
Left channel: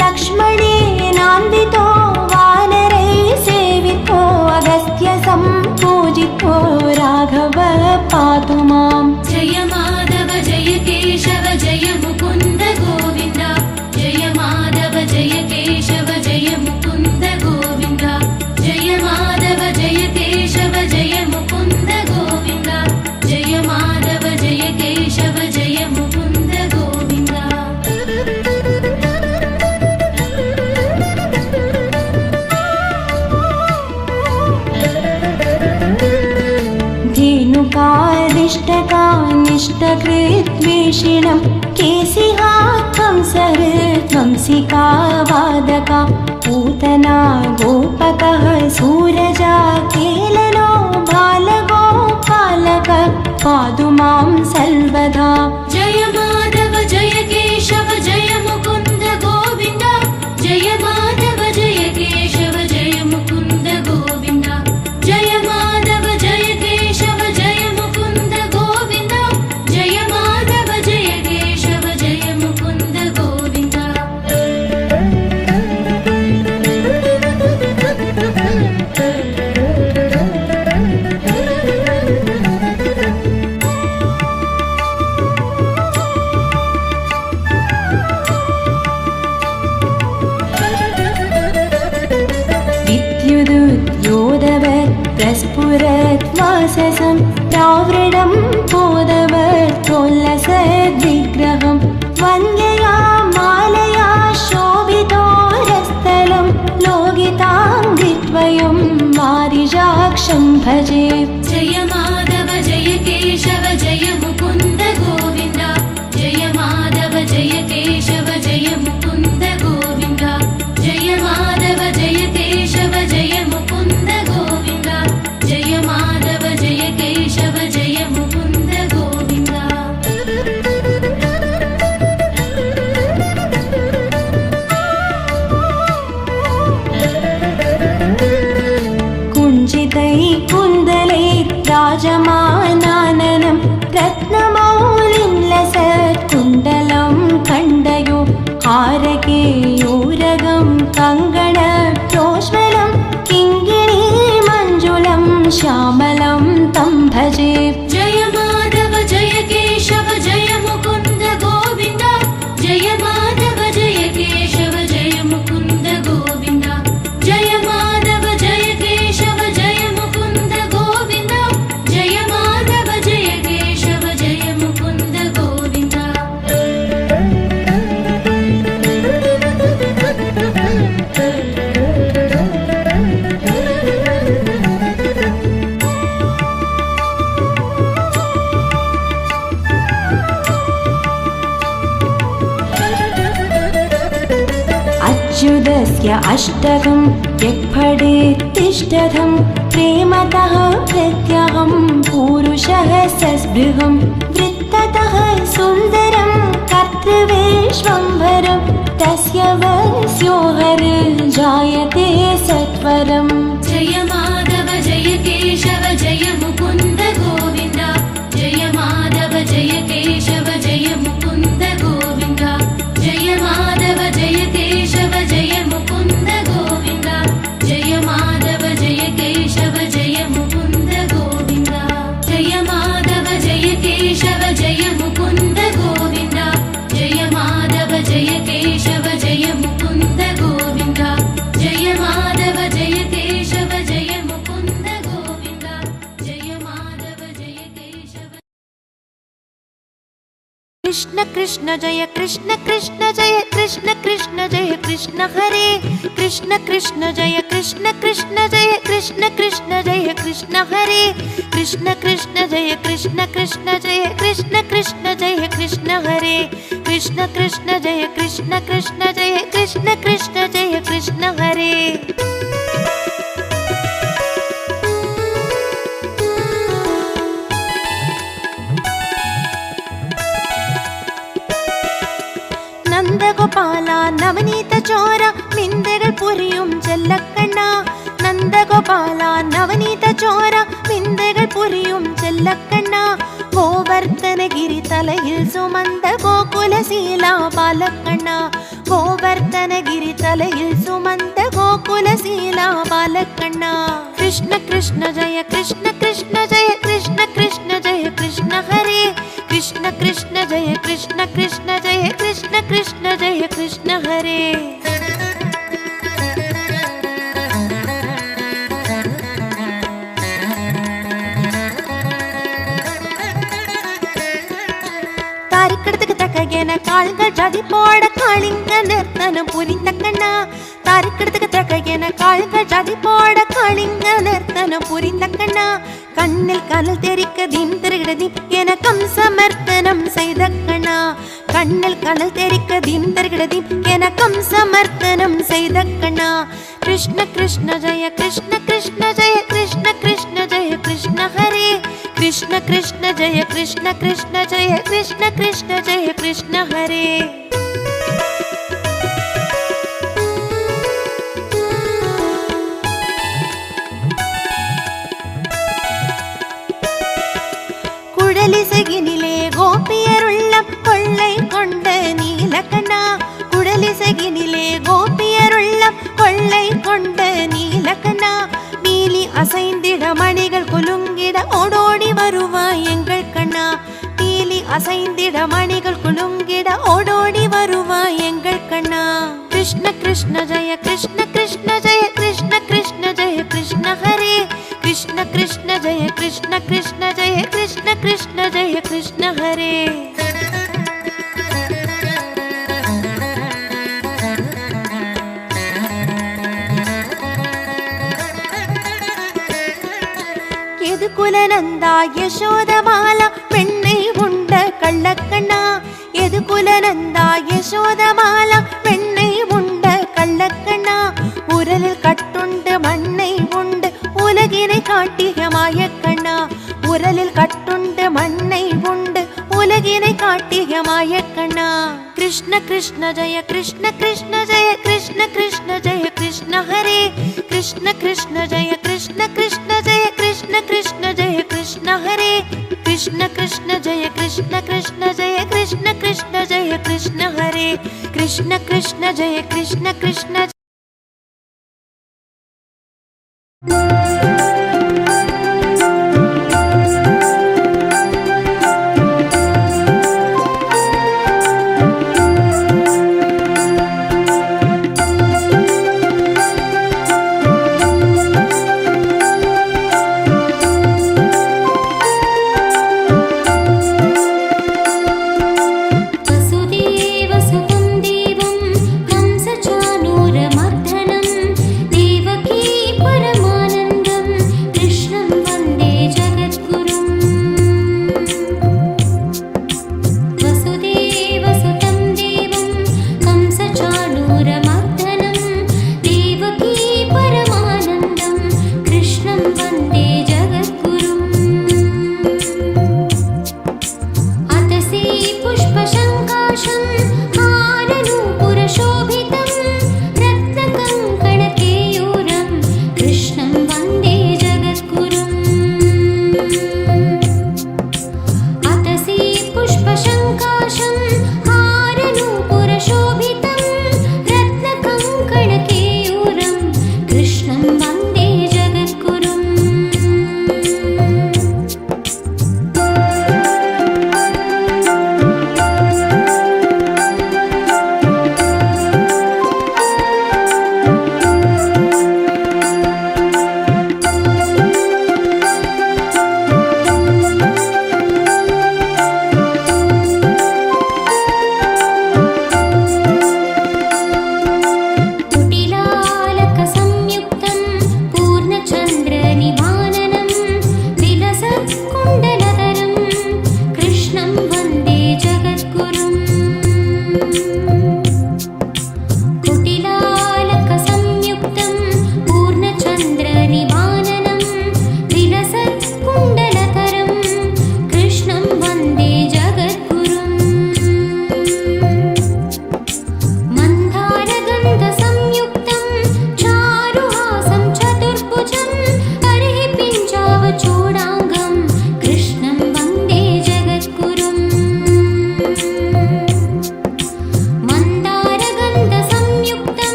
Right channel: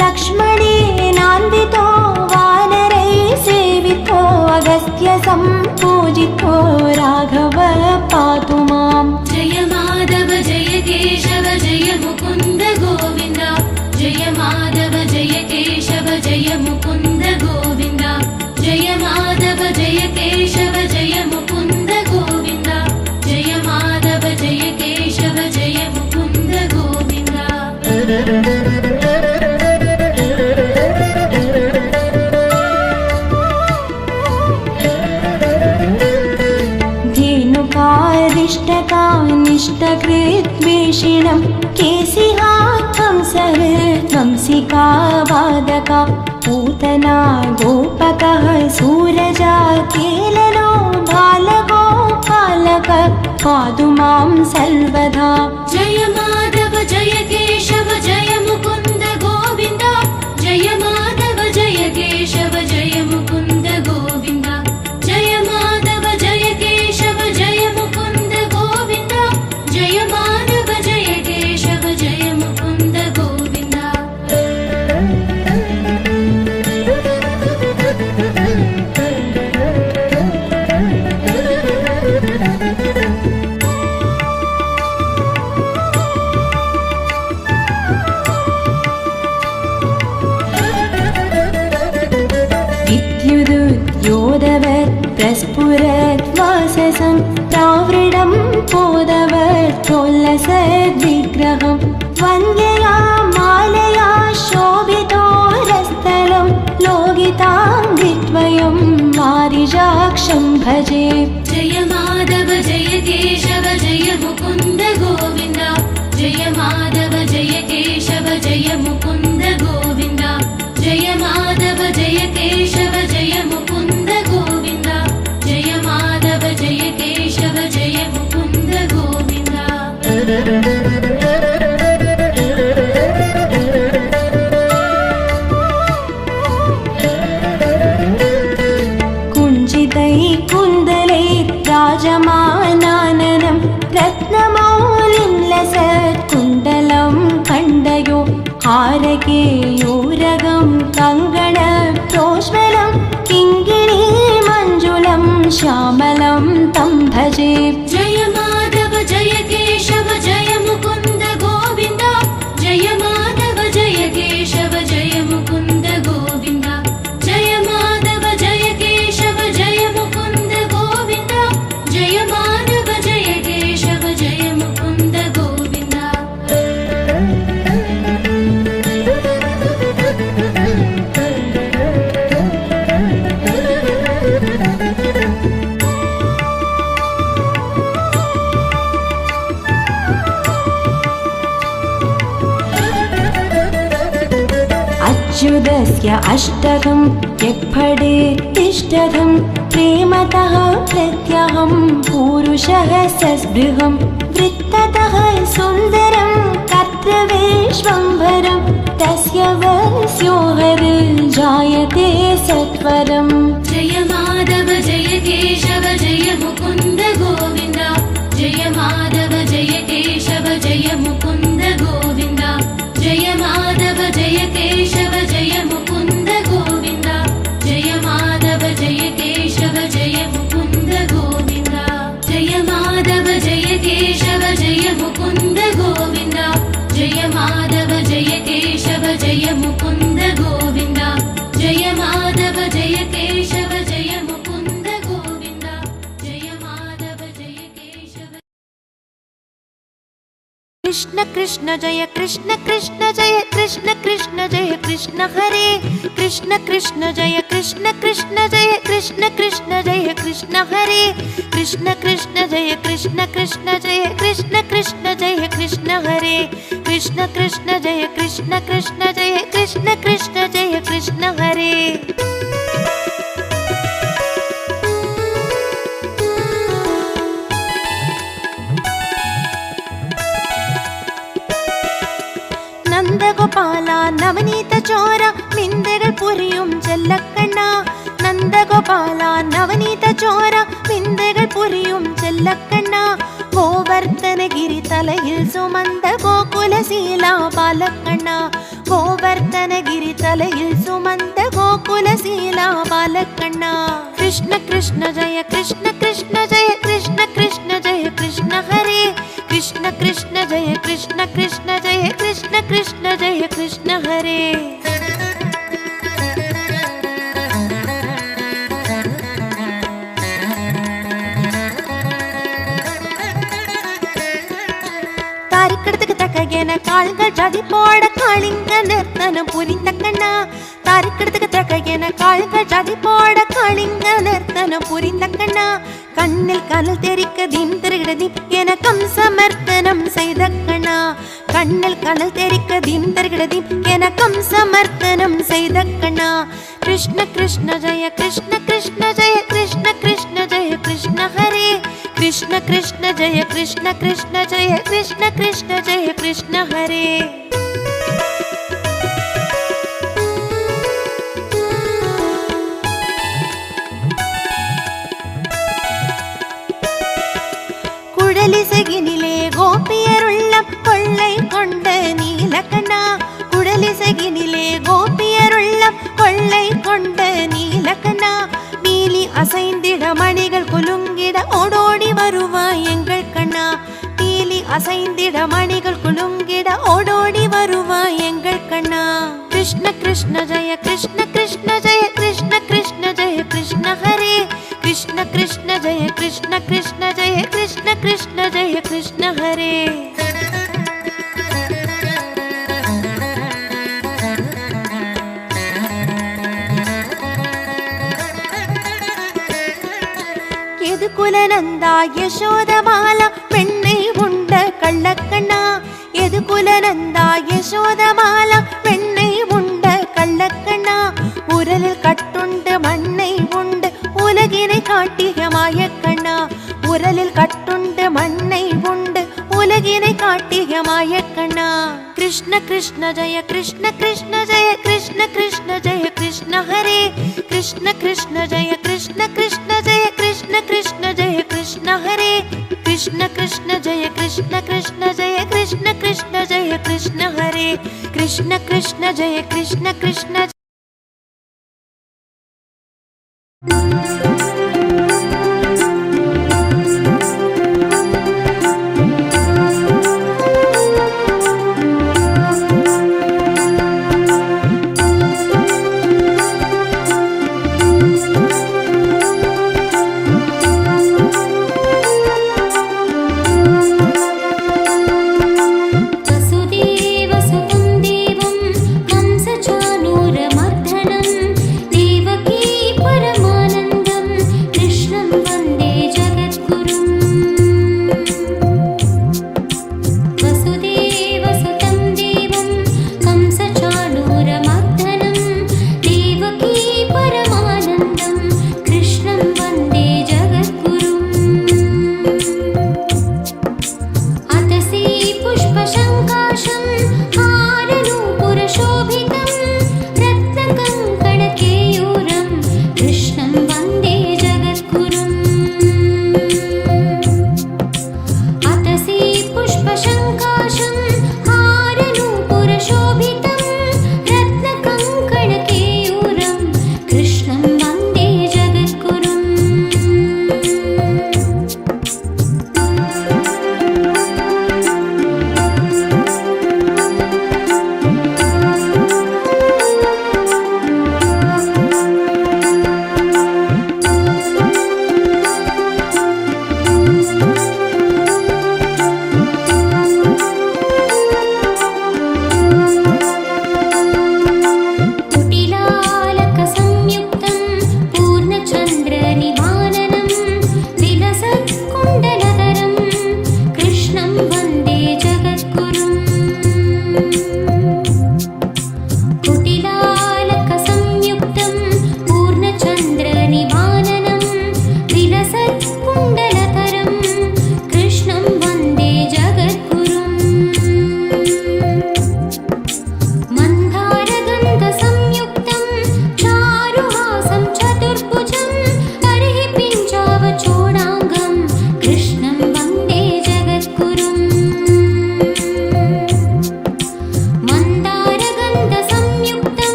लक्ष्मणेनान्वितो वानरै सेवितो अगस्त्य सम्पूजितो राघव पातु माम्। जय माधव जय केशव जय मुकुन्द गोविन्द जय माधव जय केशव जय मुकुन्द गोविन्द जय माधव जय केशव जय मुकुन्द गोविन्द जय माधव जय केशव जय मुकुन्द गोविन्द। धेनुकारिष्टकानिष्टकृद्वेषिणं केसिहा कंसहृद्वंसिका वादका पूतना गोपकः सूरजा केलनो बालगोपालक पातु मां सर्वदा। जय माधव जय केशव जय मुकुन्द गोविन्द जय माधव जय केशव जय मुकुन्द गोविन्द जय माधव जय केशव जय मुकुन्द गोविन्द जय माधव जय केशव जय मुकुन्द गोविन्द। विद्युदुद्योदवत् प्रस्फुरत् वाससं प्रावृणं पोदवत् प्रोल्लसद्विग्रहं वन्द्यया मालया शोभितोरस्थलं लोगिताङ्गिद्वयं वारिजाक्षं भजे। जय माधव जय केशव जय मुकुन्द गोविन्द जय माधव जय केशव जय मुकुन्द गोविन्द जय माधव जय केशव जय मुकुन्द गोविन्द जय माधव जय केशव जय मुकुन्द गोविन्द। कुञ्जितैकुन्दलैर्राजमानाननं रत्नमौलिं लसत्कुण्डलं खण्डयो हारकेयूरगं कङ्गणप्रोज्वलं किङ्गिणीमञ्जुलं श्यामलं तं भजे। जय माधव जय केशव जय मुकुन्द गोविन्द जय माधव जय केशव जय मुकुन्द गोविन्द जय माधव जय केशव जय मुकुन्द गोविन्द जय माधव जय केशव जय मुकुन्द गोविन्द। अच्युतस्य अष्टकं यक्फडेत्तिष्ठतं प्रेमतः प्रत्यहं पूरुषः सस्पृहं वृत्ततः सुन्दरं कर्तृविश्वम्भरं तस्य वस्यो हरिर्जायते सत्वरम्। जय माधव जय केशव जय मुकुन्द गोविन्द जय माधव जय केशव जय मुकुन्द गोविन्द जय माधव जय केशव जय मुकुन्द गोविन्द जय माधव जय केशव जय मुकुन्द गोविन्द जय माधव जय केशव जय मुकुन्द गोविन्द जय माधव जय केशव जय मुकुन्द गोविन्द जय माधव जय केशव जय मुकुन्द गोविन्द जय माधव जय केशव। कृष्ण कृष्ण जय कृष्ण कृष्ण जय कृष्ण कृष्ण जय कृष्ण हरे कृष्ण कृष्ण जय कृष्ण कृष्ण जय कृष्ण कृष्ण जय कृष्ण हरे कृष्ण कृष्ण जय कृष्ण कृष्ण जय कृष्ण कृष्ण जय कृष्ण हरे कृष्ण कृष्ण जय कृष्ण कृष्ण जय कृष्ण कृष्ण जय कृष्ण हरे। നന്ദഗോപാല നവനീത ചോര വിന്ദകൾ പുരിയും ചെല്ലക്കണ്ണ നന്ദഗോപാല നവനീത ചോര വിന്ദകൾ പുരിയും ചെല്ലക്കണ്ണ ഗോവർദ്ധനഗിരി തലയിൽ സുമന്ത ഗോകുലശീല ബാലക്കണ്ണ கோவர்த்தனகிரி தலையில் சுமந்த கோகுலசீலா பாலகண்ணா. கிருஷ்ண கிருஷ்ண ஜெய கிருஷ்ண கிருஷ்ண ஜெய கிருஷ்ண கிருஷ்ண ஜெய கிருஷ்ண ஹரே. கிருஷ்ண கிருஷ்ண ஜெய கிருஷ்ண கிருஷ்ண ஜெய கிருஷ்ண கிருஷ்ண ஜெய கிருஷ்ண ஹரே. தாரிக்கடத்துக்கு தக்கையன கால்கள் ஜதி போட காளிங்க நிறுத்தனம் புரிந்த கண்ணா. தாரிக்கடத்துக்கு தக்கையன கால்கள் ஜதி போட காளிங்க நிறுத்தனம் புரிந்த கண்ணா. கண்ணில் கனல் தெரிக்க தீம் திருகிடதீம் என சமர்த்தனம் செய்த கண்ணா. கண்ணில் கனல் தெரிக்க தீம் திருகிடதீம் என சமர்த்தனம் செய்த கண்ணா. கிருஷ்ண கிருஷ்ண ஜெய கிருஷ்ண கிருஷ்ண ஜெய கிருஷ்ண கிருஷ்ண ஜெய கிருஷ்ண ஹரே. கிருஷ்ண கிருஷ்ண ஜெய கிருஷ்ண கிருஷ்ண ஜெய கிருஷ்ண கிருஷ்ண ஜெய கிருஷ்ண ஹரே. குழலிசையினிலே கோபியருள்ளம் கொள்ளை கொண்ட நீலகண்ணா. குழலிசையினிலே கோபியருள்ளம் கொள்ளை கொண்ட நீலகண்ணா. மீலி அசைந்திட மணிகள் குலுங்கிட ஓடோடி வருவாய் எங்கள் கண்ணா. மீலி அசைந்திட மணிகள் குலுங்கிட ஓடோடி வருவாய் எங்கள் கண்ணா. கிருஷ்ண கிருஷ்ண ஜெய கிருஷ்ண கிருஷ்ண ஜெய கிருஷ்ண கிருஷ்ண ஜெய கிருஷ்ண ஹரே. கிருஷ்ண கிருஷ்ண ஜெய கிருஷ்ண கிருஷ்ண ஜெய கிருஷ்ண கிருஷ்ண ஜெய கிருஷ்ண ஹரே. எதுகுலநந்தா யசோதமாலா பெண்ணை உண்ட கள்ளக்கண்ணா. எதுகுலநந்தா யசோதமாலா பெண்ணை உண்ட கள்ளக்கண்ணா. உரலில் கட்டுண்டு மண்ணை உண்டு உலகினை காட்டிய மாயக்கண்ணா. உரலில் கட்டுண்டு மண்ணை உண்டு உலகினை காட்டிய மாயக்கண்ணா. கிருஷ்ண கிருஷ்ண ஜெய கிருஷ்ண கிருஷ்ண ஜெய கிருஷ்ண கிருஷ்ண ஜெய கிருஷ்ண ஹரே. கிருஷ்ண கிருஷ்ண ஜெய கிருஷ்ண கிருஷ்ண ஜெய கிருஷ்ண கிருஷ்ண ஜெய கிருஷ்ண ஹரே. கிருஷ்ண கிருஷ்ண ஜெய கிருஷ்ண கிருஷ்ண ஜெய கிருஷ்ண கிருஷ்ண ஜெய கிருஷ்ண ஹரே. கிருஷ்ண கிருஷ்ண ஜெய கிருஷ்ண கிருஷ்ண वसुदेवसुतं देवं कंसचाणूरमर्दनं देवकी परमानन्दं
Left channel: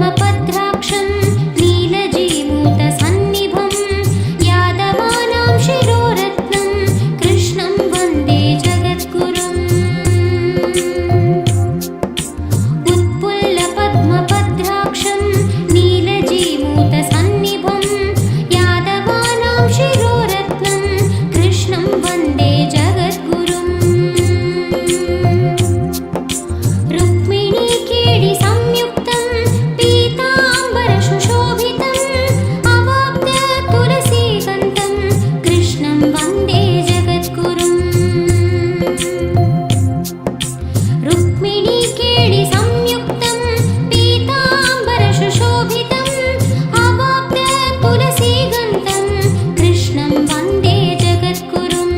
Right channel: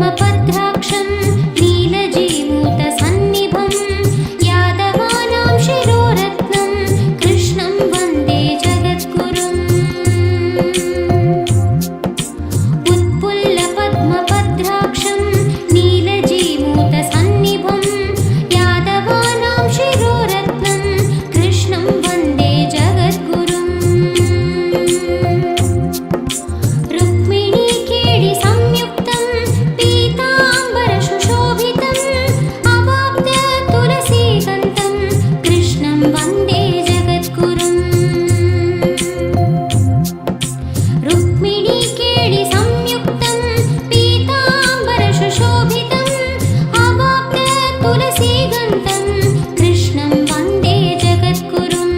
पद्मपत्राक्षं नीलजीमूतसन्निभं यादवानां शिरोरत्नं कृष्णं वन्दे जगद्गुरुम् उत्पुल्लपद्मपत्राक्षं नीलजीमूतसन्निभं यादवानां शिरोरत्नं कृष्णं वन्दे जगद्गुरुम् रुक्मिणीकेळि संयुक्तं पीताम्बरसुशोभितम् अवाप्य तुलसीगन्धं कृष्णं वन्दे जगद्गुरुम् रुक्मिणीकेळि संयुक्तं पीताम्बरसुशोभितम् अवाप्य तुलसीगन्धं कृष्णं वन्दे जगद्गुरुम्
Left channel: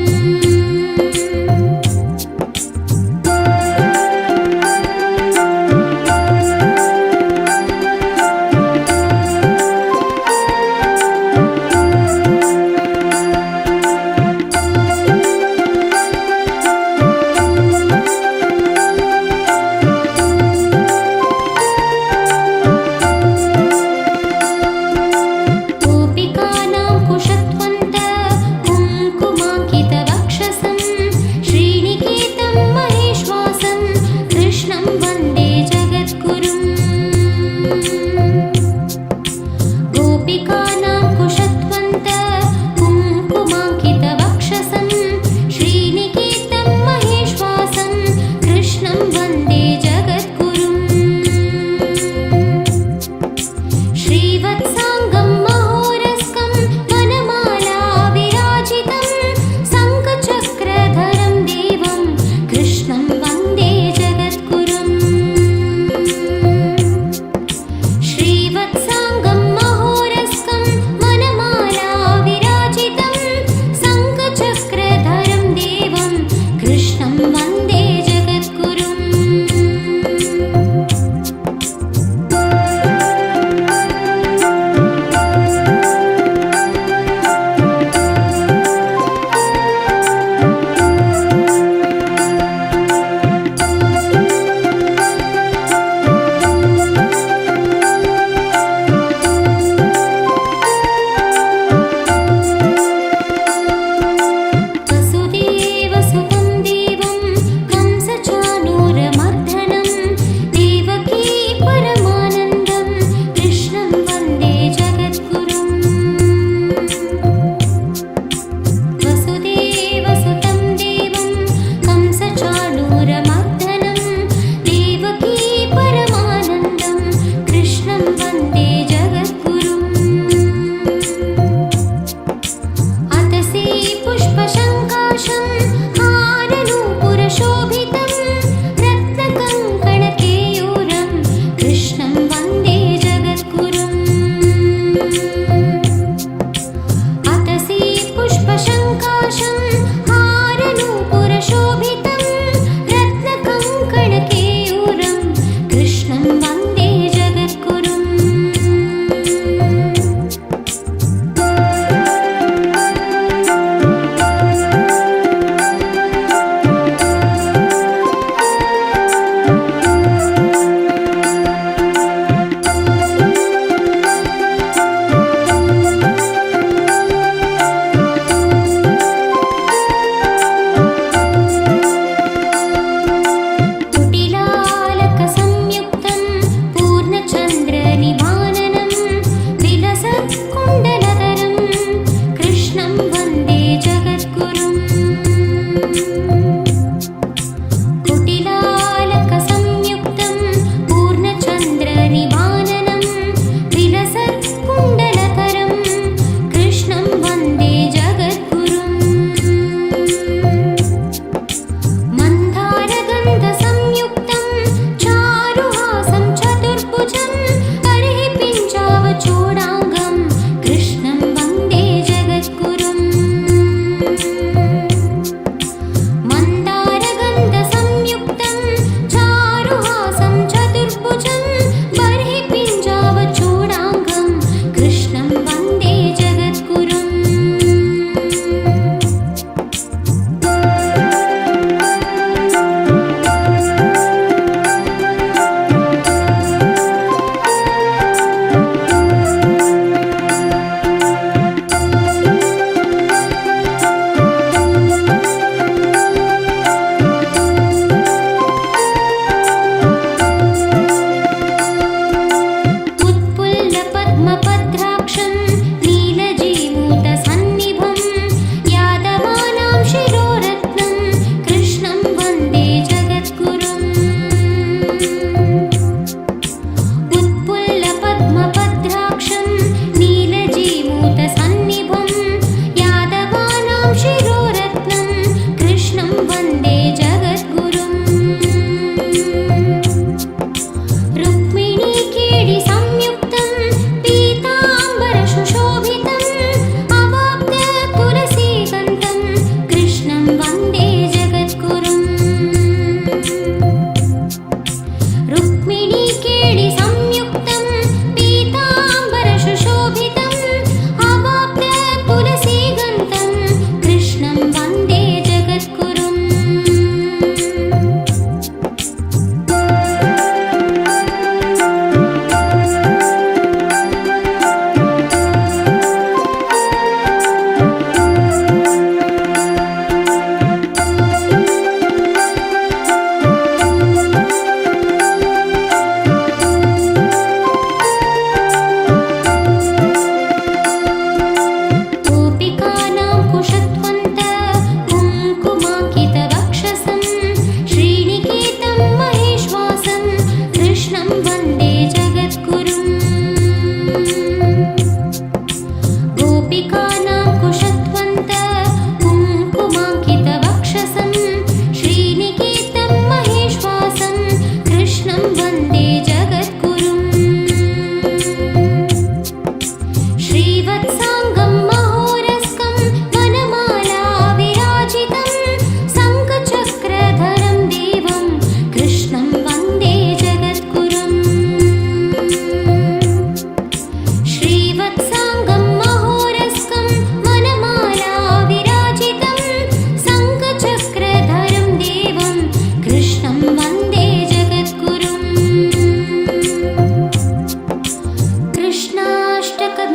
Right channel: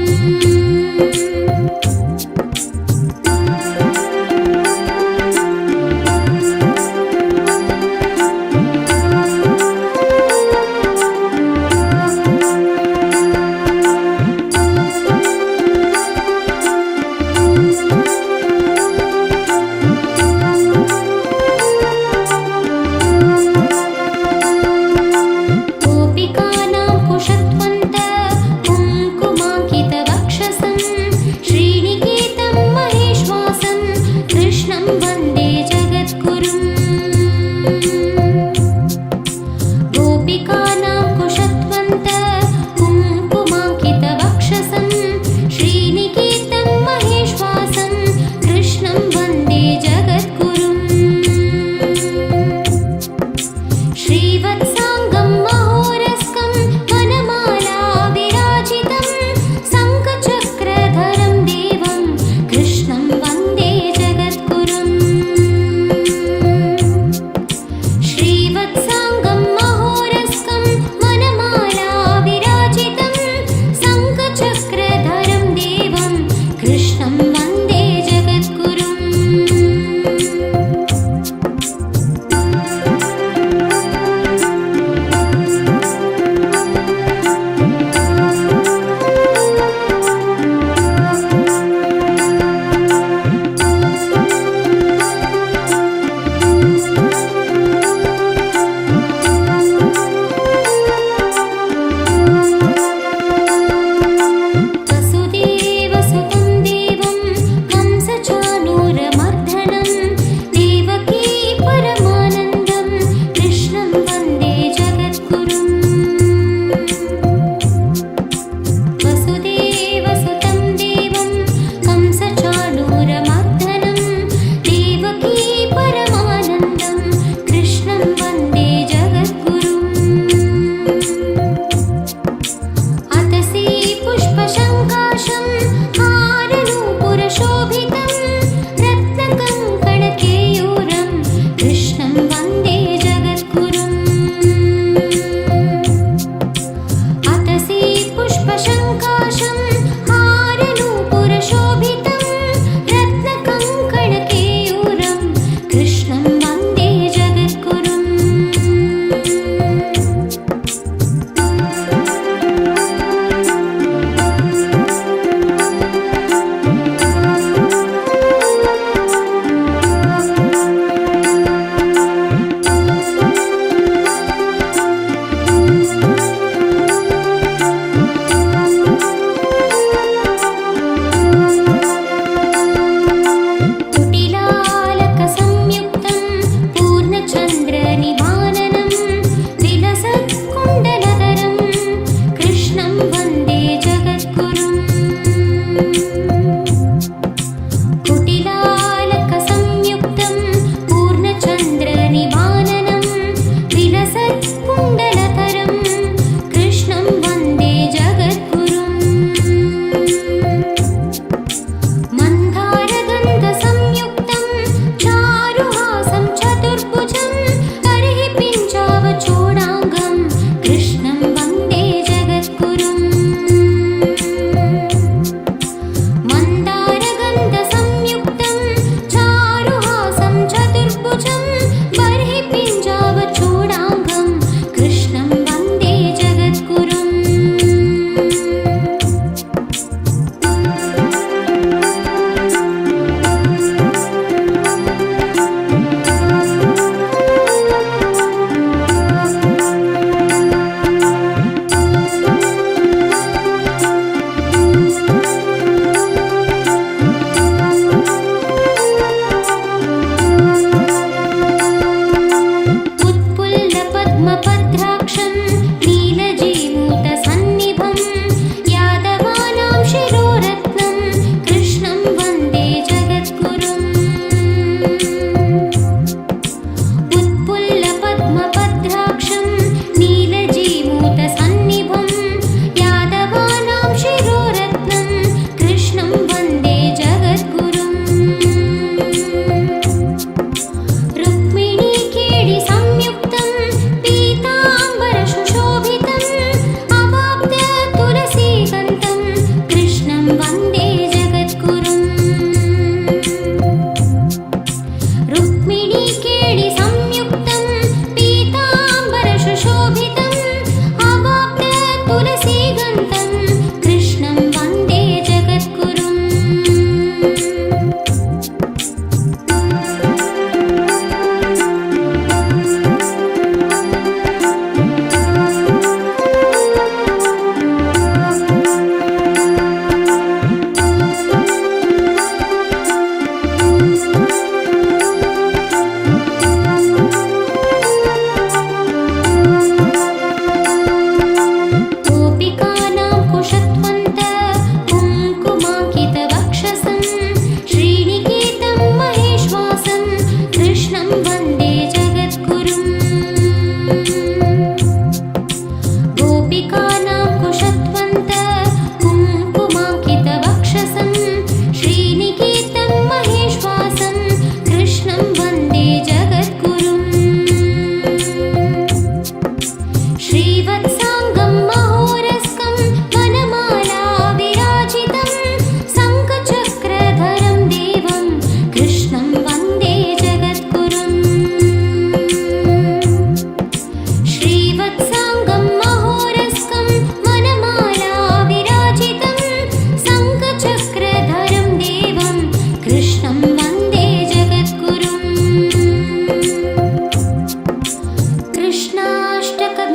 गोपिकानां कुशत्वन्त कुङ्कुमाङ्कितवक्षसं श्रीनिकेतं महेश्वासं कृष्णं वन्दे जगद्गुरुम् गोपिकानां कुशत्वन्त कुङ्कुमाङ्कितवक्षसं श्रीनिकेतं महेश्वासं कृष्णं वन्दे जगद्गुरुम् श्रीवत्साङ्गं महोरस्कं वनमाला विराजितं शङ्खचक्रधरं देवं कृष्णं वन्दे जगद्गुरुम् श्रीवत्साङ्गं महोरस्कं वनमाला विराजितं शङ्खचक्रधरं देवं कृष्णं वन्दे जगद्गुरुम् वसुदेवसुतं देवं कंसचाणूरमर्दनं देवकी परमानन्दं कृष्णं वन्दे जगद्गुरुम् वसुदेवसुतं देवं कंसचाणूरमर्दनं देवकी परमानन्दं कृष्णं वन्दे जगद्गुरुम् अतसी पुष्पशङ्काशं हारनूपुरशोभितं रत्नकङ्कणकेयूरं कृष्णं वन्दे जगद्गुरुम् अतसी पुष्पशङ्काशं हारनूपुरशोभितं रत्नकङ्कणकेयूरं कृष्णं वन्दे जगद्गुरुम्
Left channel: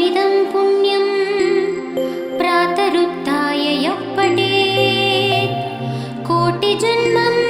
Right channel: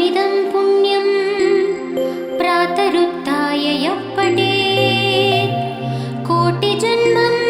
परमिदं पुण्यं प्रातरुत्थाय यः पठेत् कोटिजन्मं